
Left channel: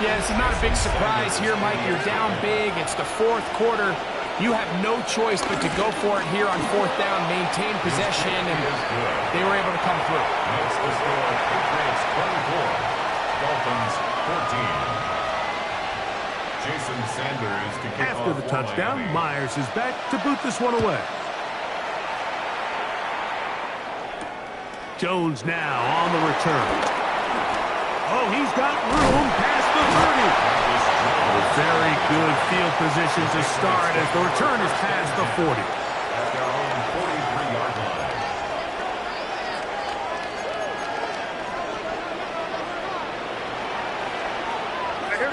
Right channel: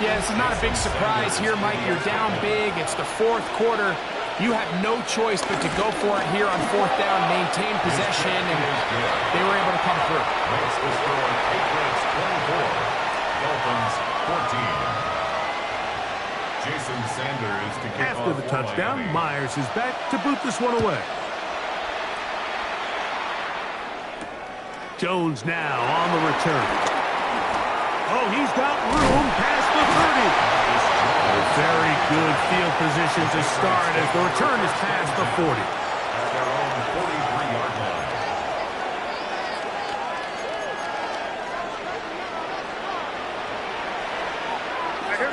Yeah, this is not a big surprise here, Mike. You're down big. It's the 4th quarter. You have no choice but to go for it here on 4th down, maintain possession, and they were able to come through. Makes the score Patriots 24, Dolphins 14. Jason Sanders to kick After the touchdown, Miami. Myers is back to boot this one away. Jones now on the return. Oh, he's got room past the 30. A very good field position to start as the return is past the 40. At their own 43-yard line. Hey, here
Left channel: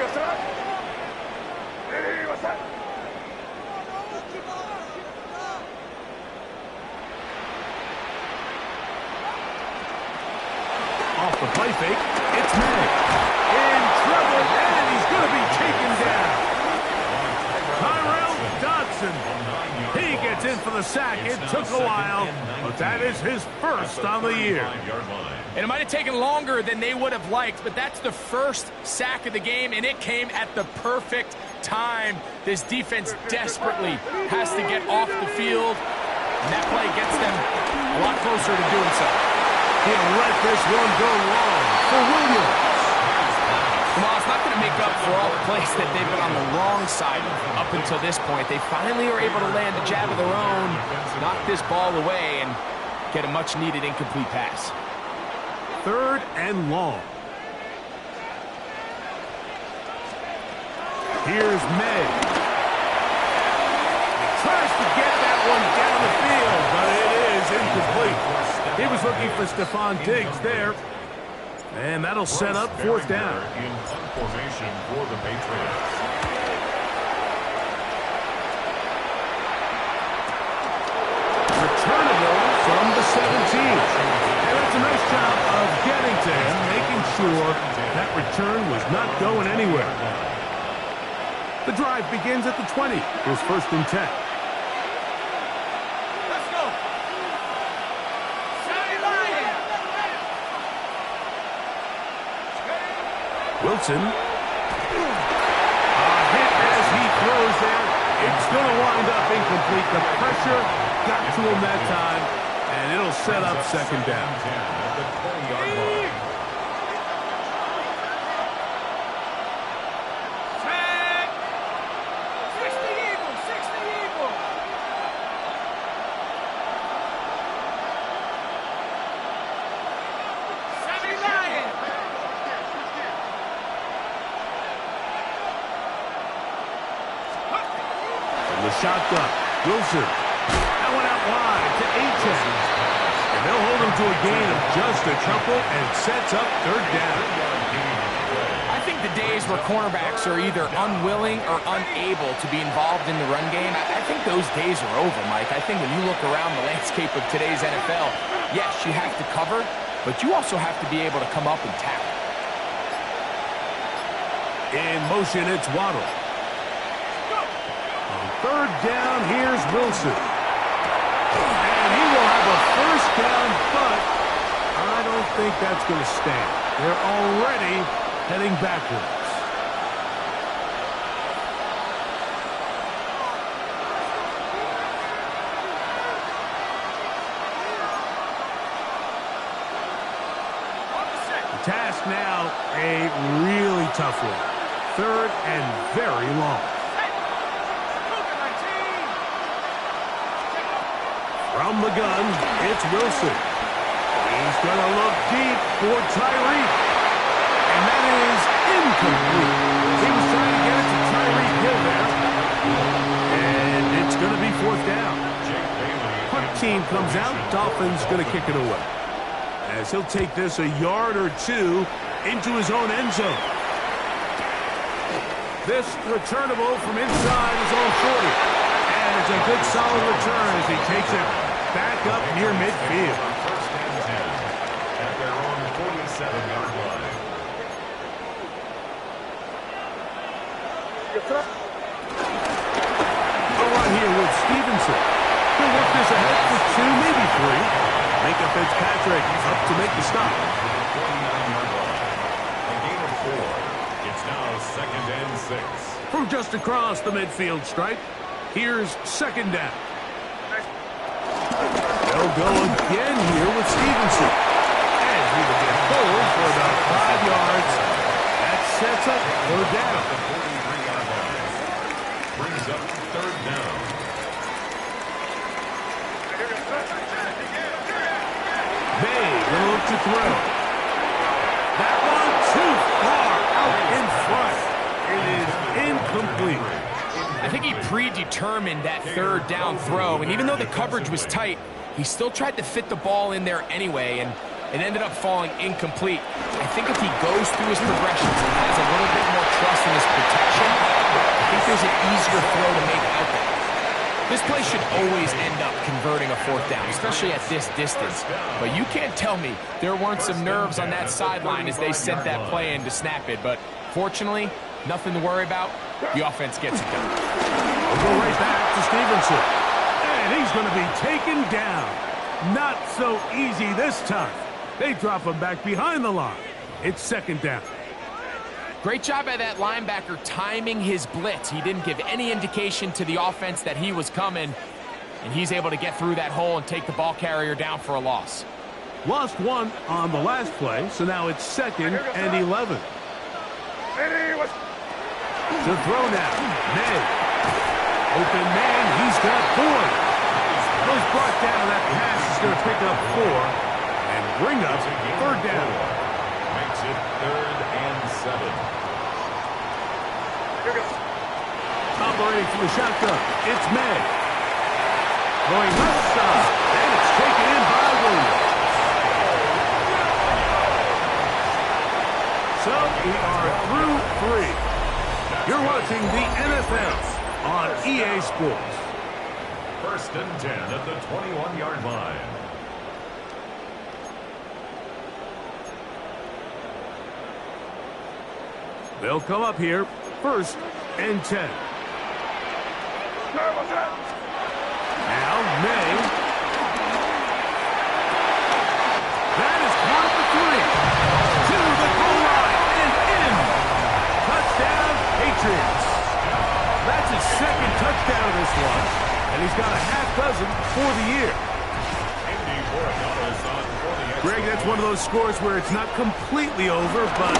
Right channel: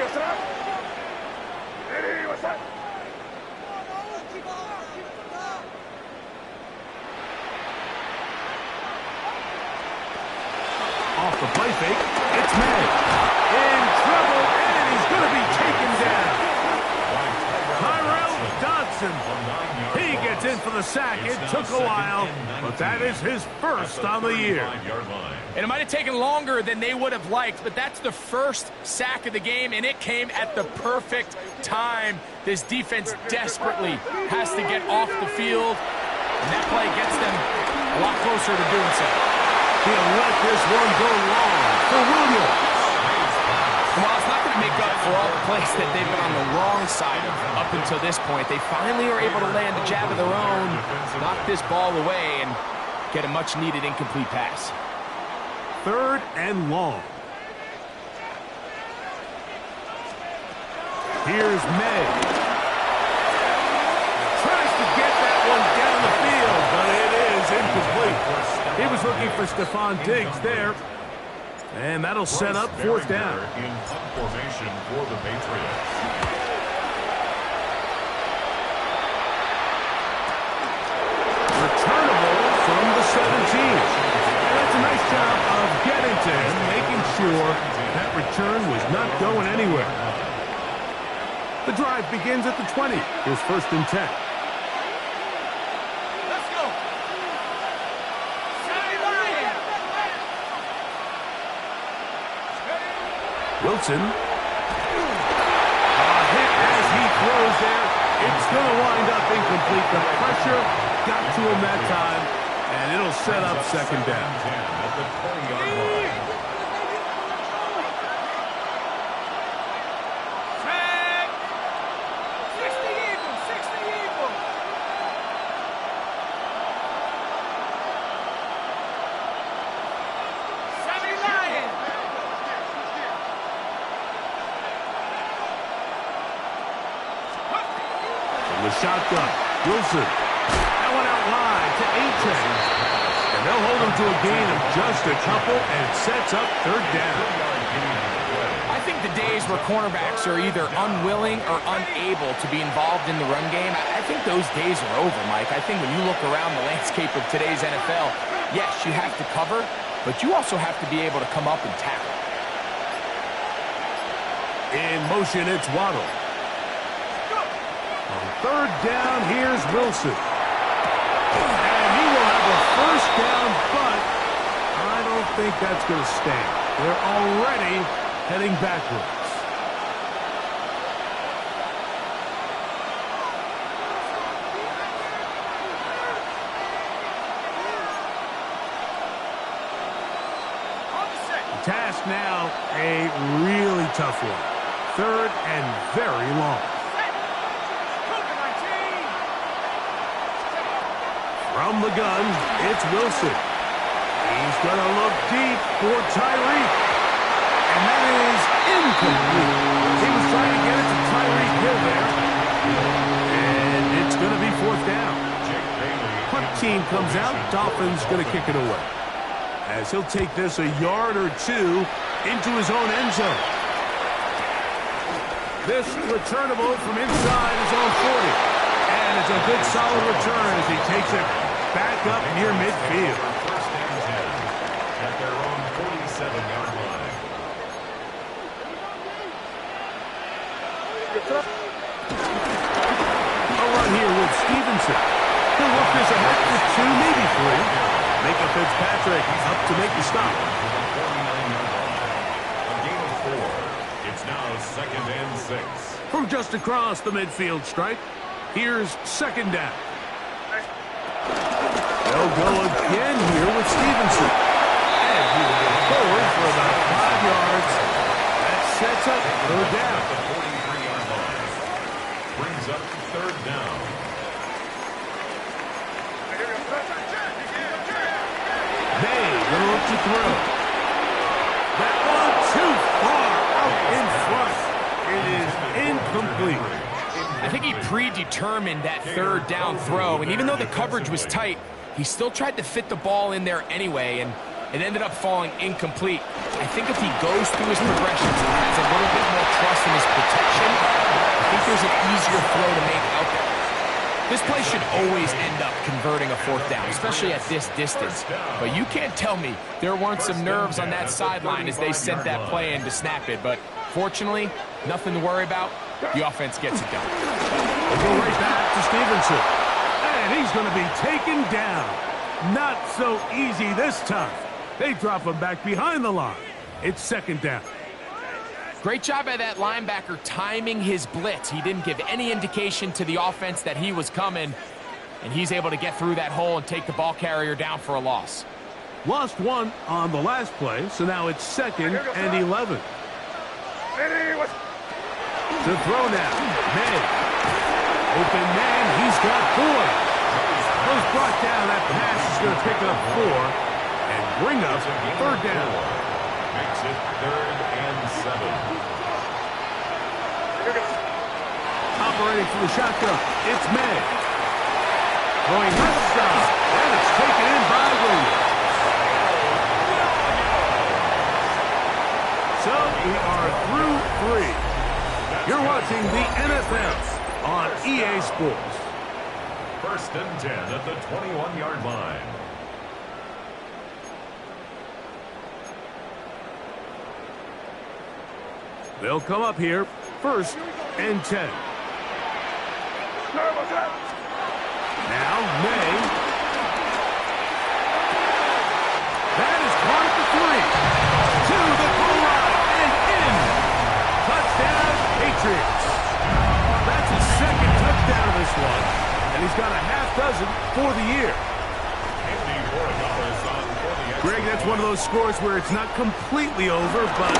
Off the play fake, it's May. In trouble, and he's going to be taken down. Tyrell Dodson. He gets in for the sack. It took a while, but that is his first on the year. And it might have taken longer than they would have liked, but that's the first sack of the game, and it came at the perfect time. This defense desperately has to get off the field, and that play gets them a lot closer to doing so. He'll let this one go long for Williams. Well, it's not going to make up for all the plays that they've been on the wrong side of up until this point. They finally are able to land a jab of their own, knock this ball away, and get a much-needed incomplete pass. 3rd and long. Here's May. He tries to get that one down the field, but it is incomplete. He was looking for Stephon Diggs there. And that'll set up 4th down. In punt formation for the Patriots. Returnable from the 17. And that's a nice job of getting to him, making sure that return was not going anywhere. The drive begins at the 20. Here's 1st and 10. Let's go. Wilson. A hit as he throws there. It's going to wind up incomplete. The pressure got to him that time, and it'll set up 2nd down. At the 20-yard line. The shotgun. Wilson. That one out wide to Achane. And they'll hold him to a gain of just a couple, and it sets up 3rd down. I think the days where cornerbacks are either unwilling or unable to be involved in the run game, I think those days are over, Mike. I think when you look around the landscape of today's NFL, yes, you have to cover, but you also have to be able to come up and tackle. In motion, it's Waddle. On 3rd down, here's Wilson. And he will have a 1st down, but I don't think that's going to stand. They're already heading backwards. The task now, a really tough one. 3rd and very long. From the gun, it's Wilson. He's going to look deep for Tyreek. And that is incomplete. He was trying to get it to Tyreek Hill there. And it's going to be 4th down. Punt team comes out. Dolphins going to kick it away. As he'll take this a yard or two into his own end zone. This returnable from inside his own 40. And it's a good solid return as he takes it back up near midfield. 1st and 10 at their own 47-yard line. A run here with Stevenson. He'll work this ahead for 2, maybe 3. Micah Fitzpatrick up to make the stop. To the 49-yard line. A gain of 4. It's now 2nd and 6. From just across the midfield stripe, here's 2nd down. They'll go again here with Stevenson. And he will get forward for about 5 yards. That sets up 3rd down. The 43-yard line. Brings up 3rd down. May will look to throw. That one too far out in front. It is incomplete. I think he predetermined that 3rd down throw, and even though the coverage was tight, he still tried to fit the ball in there anyway, and it ended up falling incomplete. I think if he goes through his progressions and has a little bit more trust in his protection, I think there's an easier throw to make out there. This play should always end up converting a fourth down, especially at this distance. But you can't tell me there weren't some nerves on that sideline as they sent that play in to snap it. But fortunately, nothing to worry about. The offense gets it done. We'll go right back to Stevenson. And he's going to be taken down. Not so easy this time. They drop him back behind the line. It's second down. Great job by that linebacker timing his blitz. He didn't give any indication to the offense that he was coming, and he's able to get through that hole and take the ball carrier down for a loss. Lost one on the last play, so now it's second and 11. To throw now, May. Open man, he's got Boyd. Was brought down, that pass is going to pick up 4 and bring up third down. Makes it 3rd and 7. Operating from the shotgun, it's May. Going left side, and it's taken in by Williams. So we are through 3. You're watching the NFL on EA Sports. 1st and 10 at the 21-yard line. They'll come up here, 1st and 10. Now, May. That is caught at the 3. To the goal line and in. Touchdown, Patriots. That's his second touchdown of this one, and he's got a half dozen for the year. Greg, that's one of those scores where it's not completely over, but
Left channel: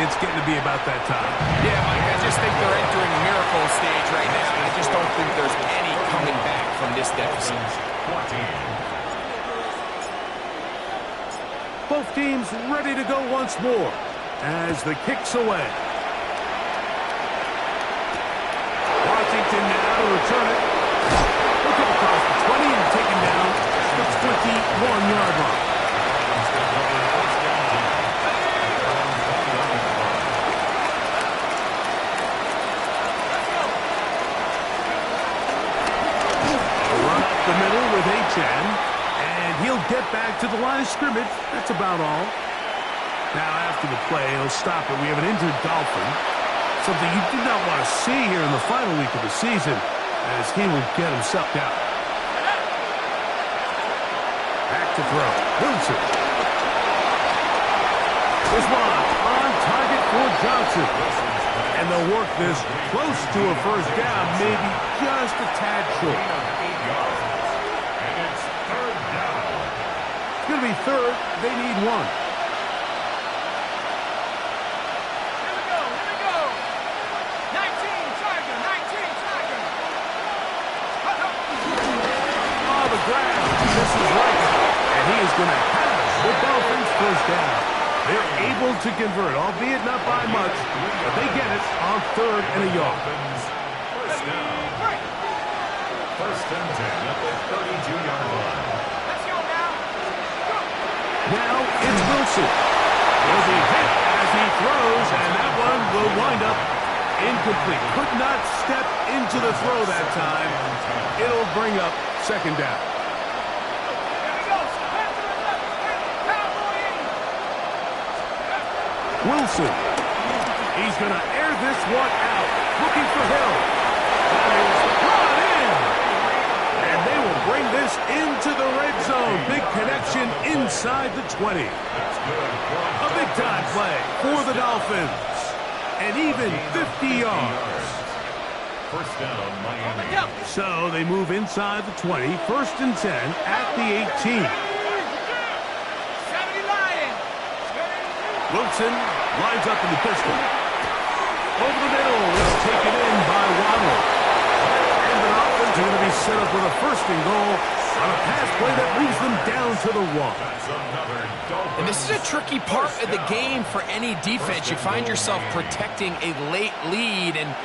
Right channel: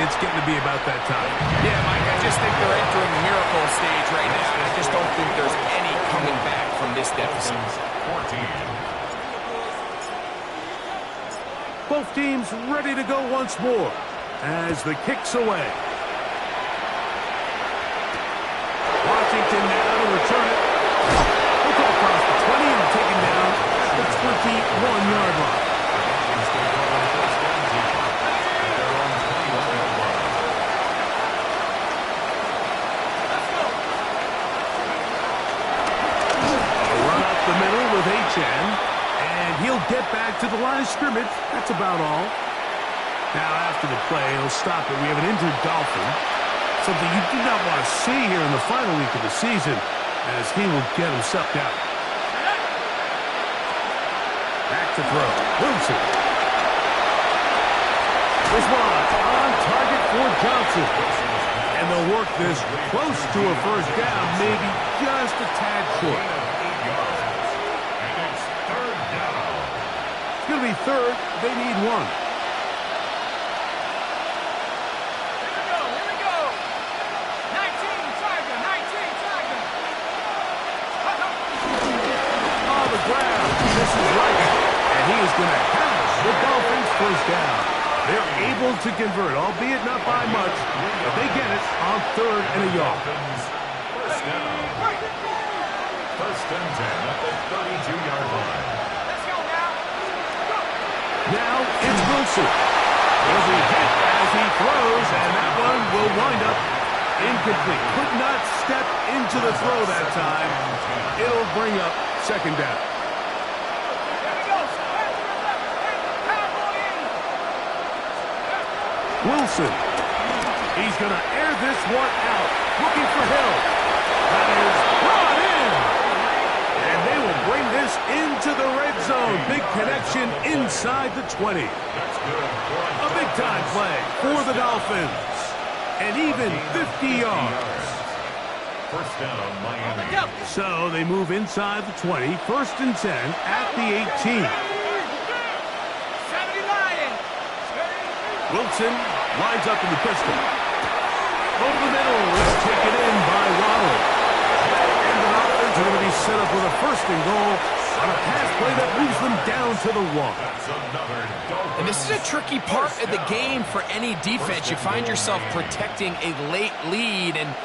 it's getting to be about that time. Yeah, Mike, I just think they're entering miracle stage right now, and I just don't think there's any coming back from this deficit. 14. Both teams ready to go once more as the kick's away. Washington now to return it. He'll come across the 20 and taken down at the 21-yard line. Dolphins take over 1st and 10 at their own 21-yard line. A run up the middle with H.N. And he'll get back to the line of scrimmage. That's about all. Now after the play, he'll stop it. We have an injured Dolphin. Something you do not want to see here in the final week of the season, as he will get himself down. Back to throw. Wilson. This one on target for Johnson. And they'll work this close to a first down, maybe just a tad short. And it's 3rd down. It's going to be 3rd. They need 1. The ground. This is right. And he is going to have the Dolphins first down. They're able to convert, albeit not by much, but they get it on 3rd and a yard. First down. 1st and 10 at the 32-yard line. Let's go now. Now it's Wilson. He'll be hit as he throws, and that one will wind up incomplete. Could not step into the throw that time. It'll bring up second down. Wilson. He's going to air this one out. Looking for Hill. That is brought in. And they will bring this into the red zone. Big connection inside the 20. A big-time play for the Dolphins. And even 50 yards. First down, Miami. So they move inside the 20. 1st and 10 at the 18. Wilson lines up in the pistol. Over the middle, it's taken in by Waddle. And the Dolphins are going to be set up with a 1st and goal on a pass play that moves them down to the 1. And this is a tricky part of the game for any defense. You find yourself protecting a late lead, and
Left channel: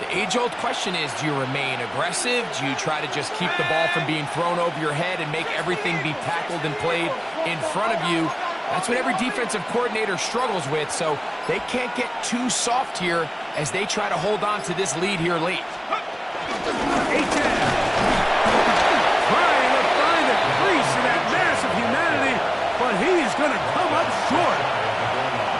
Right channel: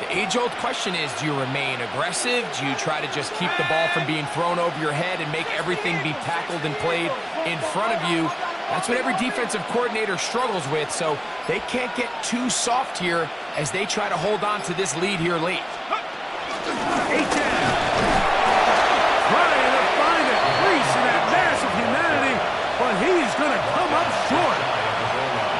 the age-old question is, do you remain aggressive? Do you try to just keep the ball from being thrown over your head and make everything be tackled and played in front of you? That's what every defensive coordinator struggles with, so they can't get too soft here as they try to hold on to this lead here late. H.N. but he's going to come up short.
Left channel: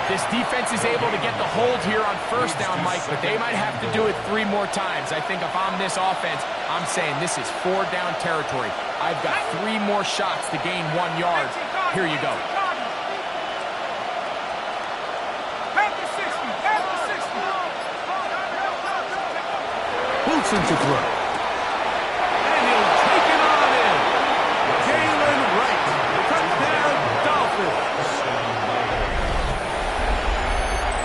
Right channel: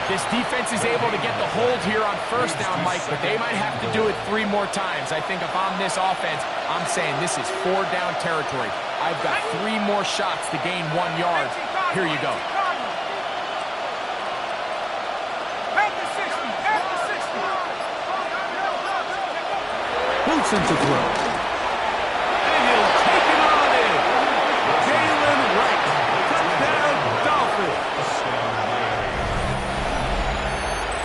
This defense is able to get the hold here on first down, Mike, but they might have to do it 3 more times. I think if I'm this offense, I'm saying this is 4 down territory. I've got 3 more shots to gain 1 yard. Here you go. Wilson to throw. And he'll take it on in. Jalen Wright. Touchdown, Dolphins.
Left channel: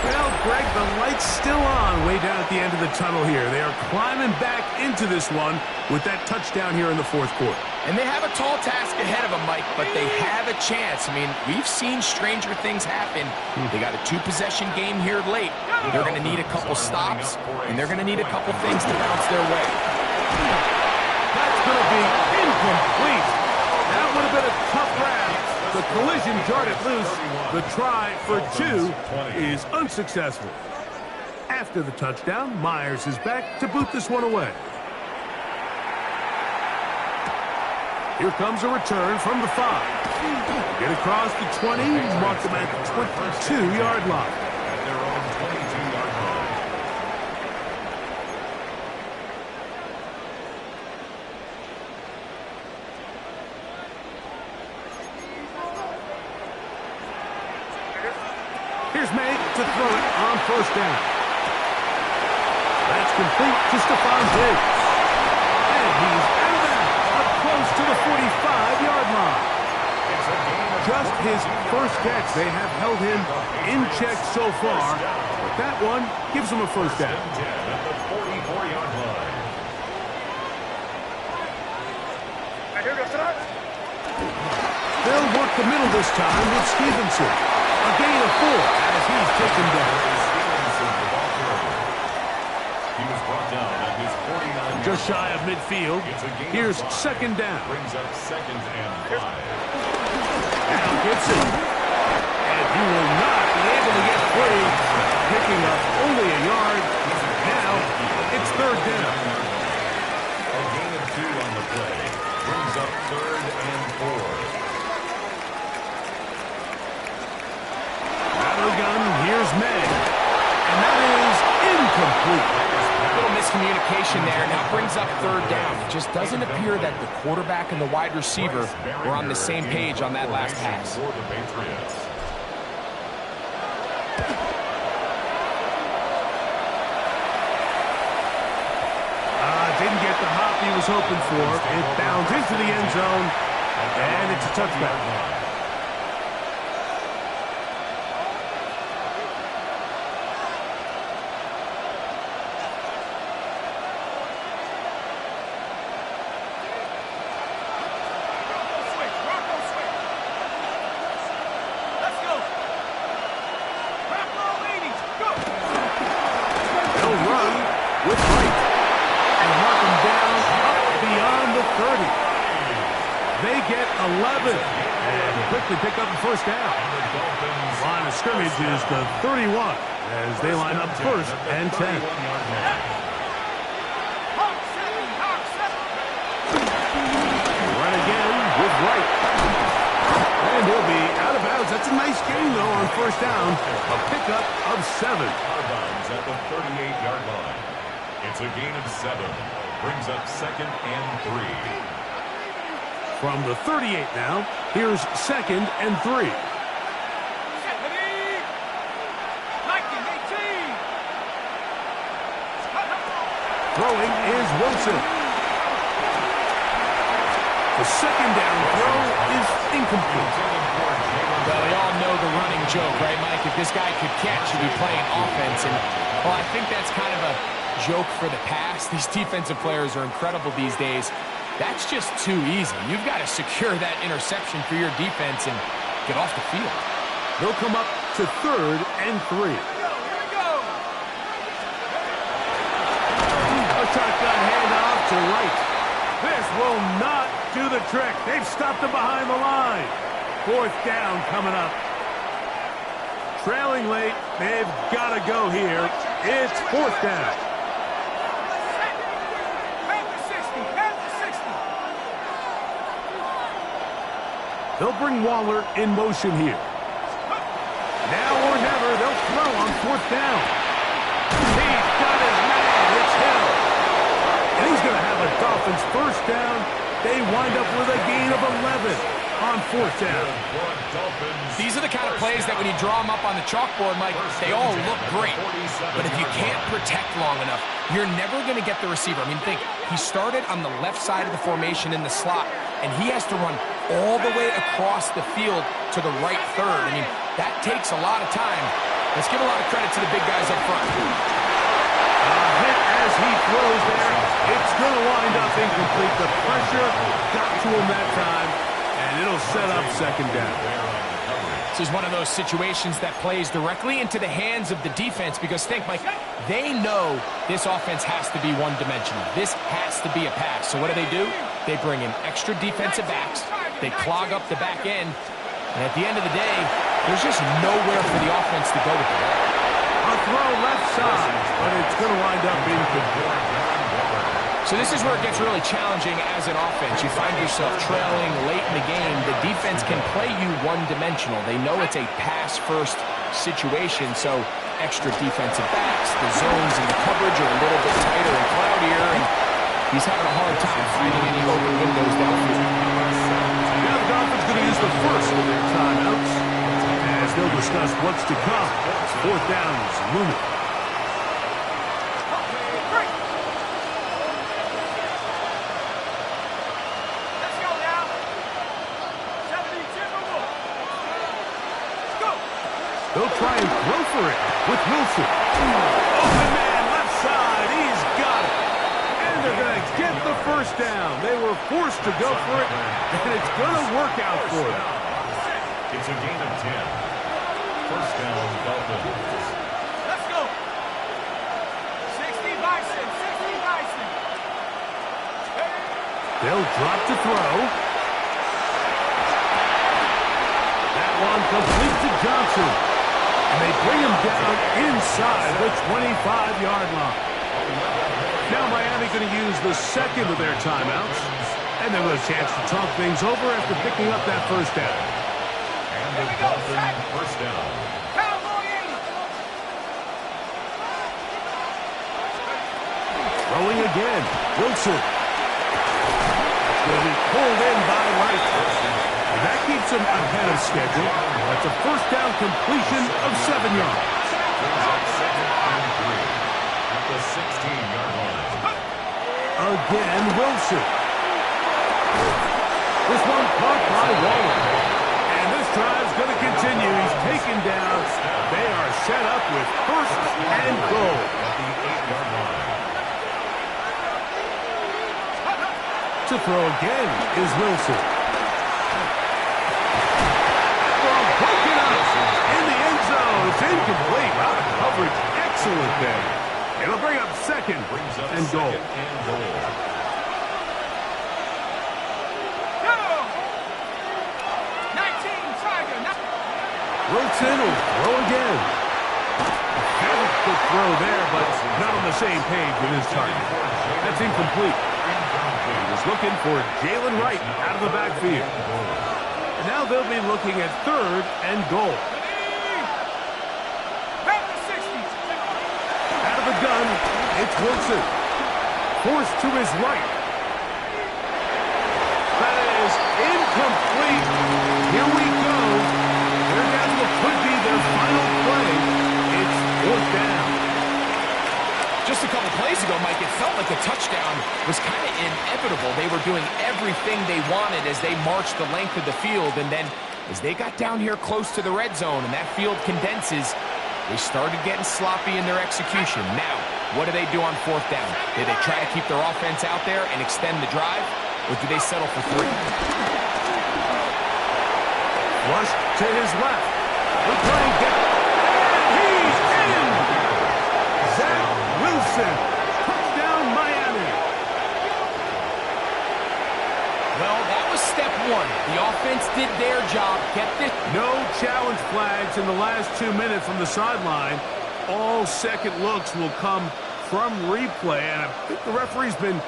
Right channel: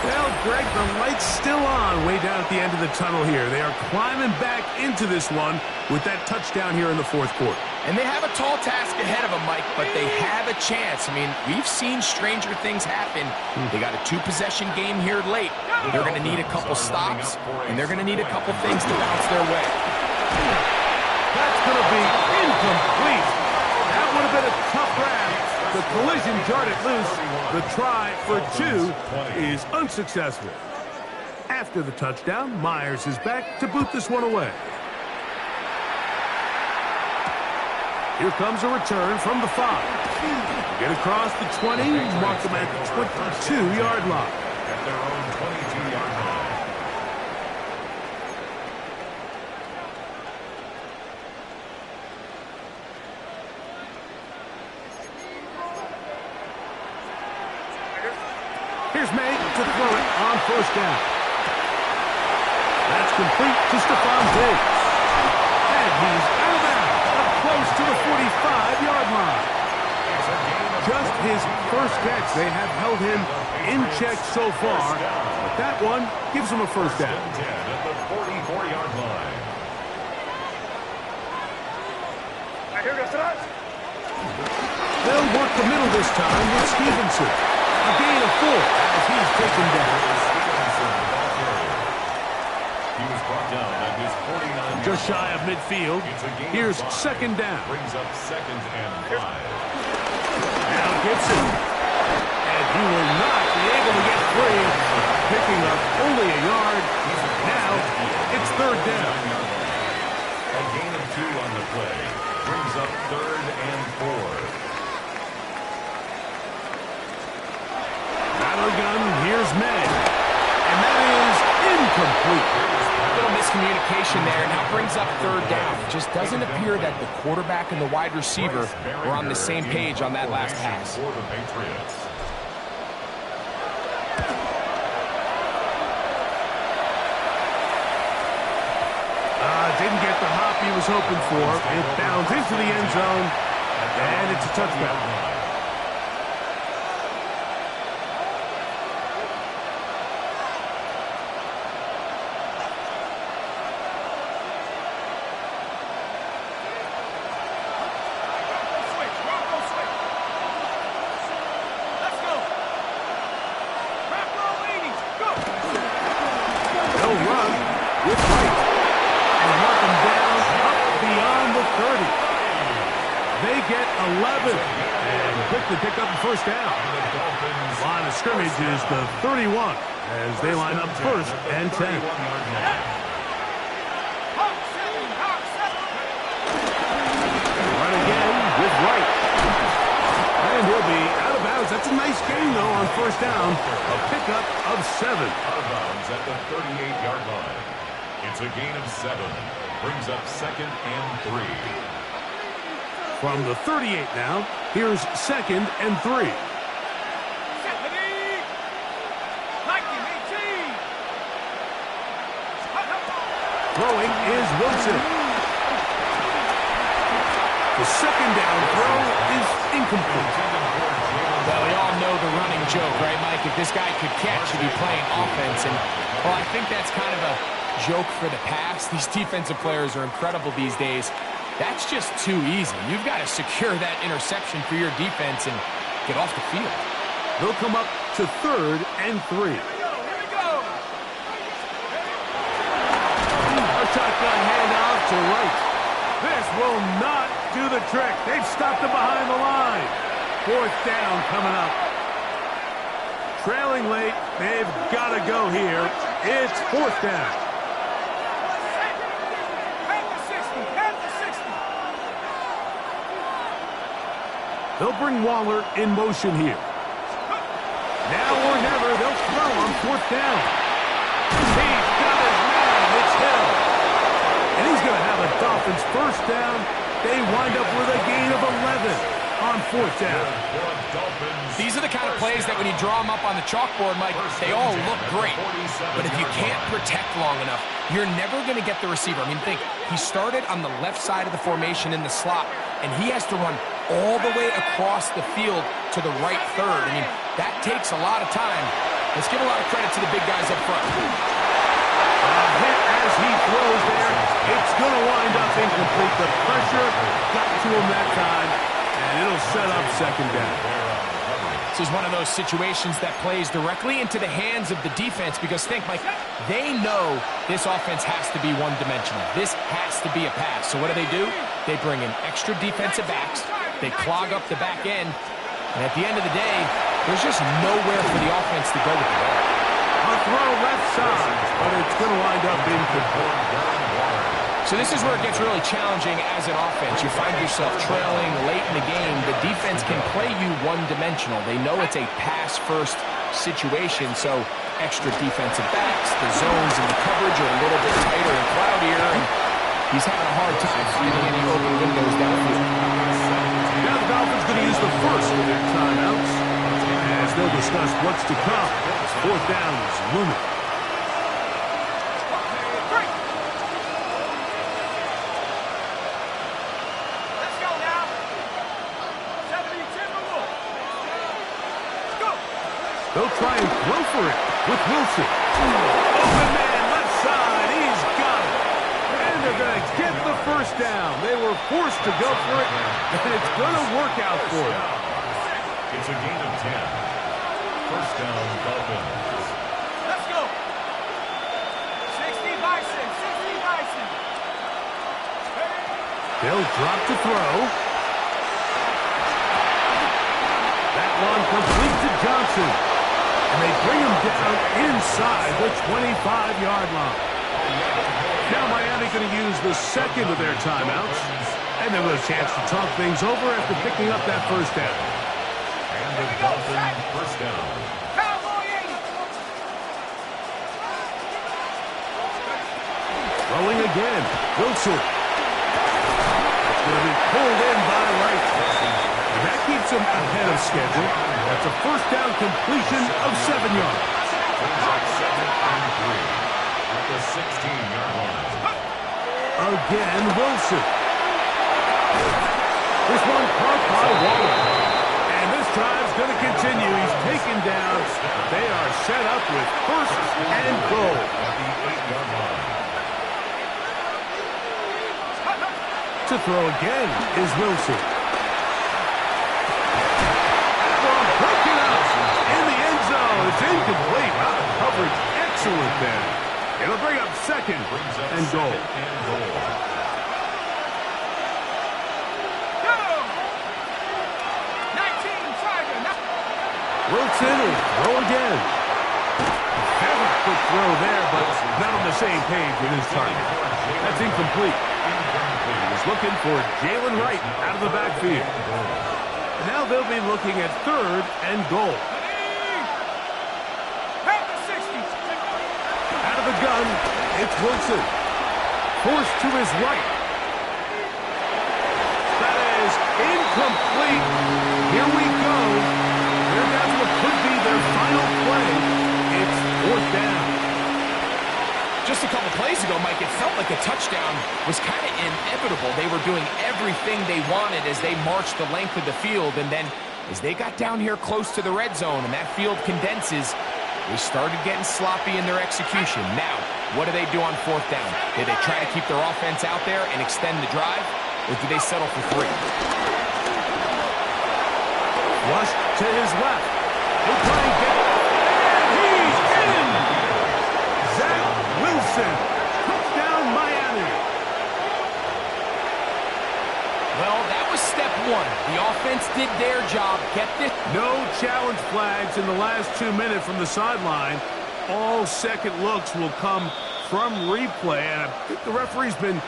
Well, Greg, the light's still on way down at the end of the tunnel here. They are climbing back into this one with that touchdown here in the 4th quarter. And they have a tall task ahead of them, Mike, but they have a chance. I mean, we've seen stranger things happen. They got a 2-possession game here late. They're going to need a couple stops, and they're going to need a couple things to bounce their way. That's going to be incomplete. That would have been a tough grab. The collision jarred it loose. The try for 2 is unsuccessful. After the touchdown, Myers is back to boot this one away. Here comes a return from the 5. Get across the 20, mark them at the 22-yard line. At their own 22-yard line. Here's May to throw it on first down. That's complete to Stephon Diggs. And he's out of bounds, up close to the 45-yard line. Just his first catch. They have held him in check so far, but that one gives him a first down. At the 44-yard line. They'll work the middle this time with Stevenson. A gain of 4 as he's taken down. He was brought down at his 49. Just shy of midfield. Here's second down. Brings up 2nd and 5. Now Gibson. And he will not be able to get free. Picking up only a yard. Now it's 3rd down. A gain of 2 on the play. Brings up 3rd and 4. Out of the gun, here's May. And that is incomplete. A little miscommunication there. Now brings up 3rd down. It just doesn't appear that the quarterback and the wide receiver were on the same page on that last pass. For the Patriots. Didn't get the hop he was hoping for. It bounds into the end zone, and it's a touchback. They get 11 and quickly pick up the first down. Line of scrimmage is the 31 as they line up 1st and 10. Run again with Wright. And he'll be out of bounds. That's a nice gain, though, on first down. A pickup of 7. Out of bounds at the 38-yard line. It's a gain of 7. Brings up 2nd and 3. From the 38 now, here's 2nd and 3. Throwing is Wilson. The 2nd down throw is incomplete. Well, we all know the running joke, right, Mike? If this guy could catch, he'd be playing offense. And, well, I think that's kind of a joke for the past. These defensive players are incredible these days. That's just too easy. You've got to secure that interception for your defense and get off the field. They'll come up to 3rd and 3. Here we go. A shotgun handoff to Wright. This will not do the trick. They've stopped him behind the line. 4th down coming up. Trailing late. They've got to go here. It's 4th down. They'll bring Waller in motion here. Now or never, they'll throw on 4th down. He's got his man. It's Hill. And he's going to have a Dolphins first down. They wind up with a gain of 11 on 4th down. These are the kind of plays that when you draw them up on the chalkboard, Mike, they all look great. But if you can't protect long enough, you're never going to get the receiver. I mean, think, he started on the left side of the formation in the slot, and he has to run all the way across the field to the right third. I mean, that takes a lot of time. Let's give a lot of credit to the big guys up front. Hit as he throws there. It's going to wind up incomplete. The pressure got to him that time, and it'll set up 2nd down. This is one of those situations that plays directly into the hands of the defense because think, Mike, they know this offense has to be one-dimensional. This has to be a pass. So what do? They bring in extra defensive backs. They clog up the back end. And at the end of the day, there's just nowhere for the offense to go with the ball. A throw left side, but it's going to wind up incomplete. So this is where it gets really challenging as an offense. You find yourself trailing late in the game. The defense can play you one-dimensional. They know it's a pass-first situation, so extra defensive backs, the zones and the coverage are a little bit tighter and cloudier, and he's having a hard time finding any open windows downfield. Now the Dolphins going to use the first of their timeouts, as they'll discuss what's to come. 4th down is looming. They'll try and throw for it with Wilson. Open man, left side. He's got it. And they're going to get the first down. They were forced to go for it, and it's going to work out for them. It's a gain of 10. First down, Dolphins. Let's go. 60 by 6, 60 by 6. They'll drop to throw. That one complete to Johnson. And they bring him down inside the 25-yard line. Now Miami going to use the second of their timeouts. And they'll have a chance to talk things over after picking up that first down. And the Dolphins first down. Cowboy 80. Throwing again. Wilson. That's going to be pulled in by Wright. And that keeps him ahead of schedule. That's a first down completion of 7 yards. Second and 3 at the 16-yard line. Again, Wilson. This one caught by Waller. And this drive's going to continue. He's taken down. They are set up with first and goal. At the 8-yard line. To throw again is Wilson. Broken up in the end zone. It's incomplete. Wow, the coverage excellent there. It'll bring up second and goal. Wilson will throw again. Have a quick throw there, but not on the same page with his target. That's incomplete. He was looking for Jalen Wright out of the backfield. And now they'll be looking at 3rd and goal. Out of the gun, it's Wilson. Forced to his right. That is incomplete. Here we go. They're down to what could be their final play. It's 4th down. Just a couple plays ago, Mike, it felt like a touchdown was kind of inevitable. They were doing everything they wanted as they marched the length of the field, and then as they got down here close to the red zone and that field condenses, they started getting sloppy in their execution. Now, what do they do on 4th down? Do they try to keep their offense out there and extend the drive, or do they settle for 3? Flush to his left. He'll try and get it. And he's in! Zach Wilson. Touchdown, Miami. Well, that was step 1. The offense did their job. Get this. No challenge flags in the last 2 minutes from the sideline. All second looks will come from replay, and I think the referee's been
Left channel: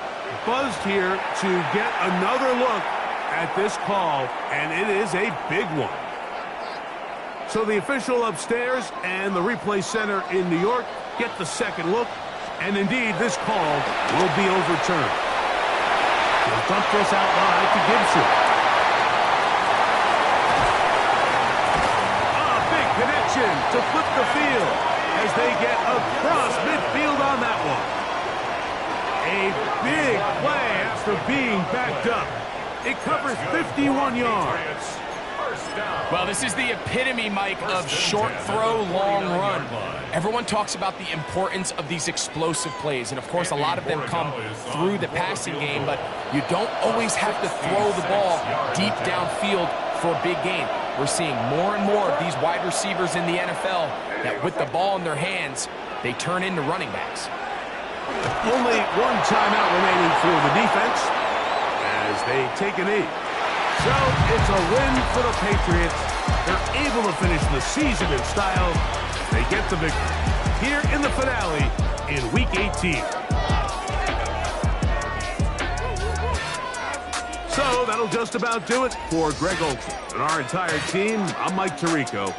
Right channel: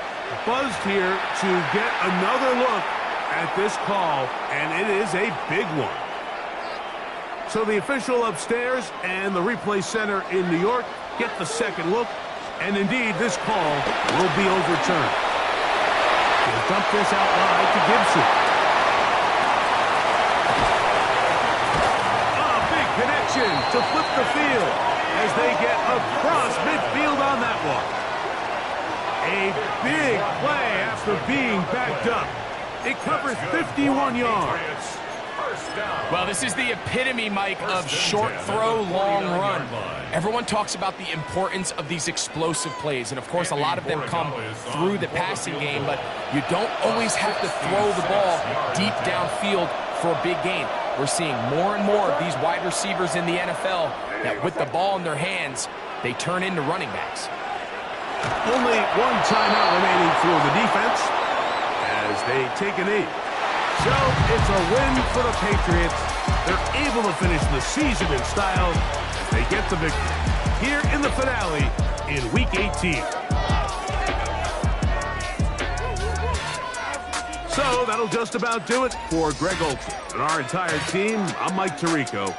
buzzed here to get another look at this call, and it is a big one. So the official upstairs and the replay center in New York get the second look, and indeed this call will be overturned. He'll dump this out wide to Gibson. A big connection to flip the field as they get across midfield on that one. A big play after being backed up. It covers 51 yards. Well, this is the epitome, Mike, of short throw, long run. Everyone talks about the importance of these explosive plays, and of course a lot of them come through the passing game, but you don't always have to throw the ball deep downfield for a big gain. We're seeing more and more of these wide receivers in the NFL that with the ball in their hands, they turn into running backs. Only one timeout remaining for the defense as they take a knee. So it's a win for the Patriots. They're able to finish the season in style as they get the victory here in the finale in Week 18. So that'll just about do it for Greg Olson and our entire team. I'm Mike Tirico.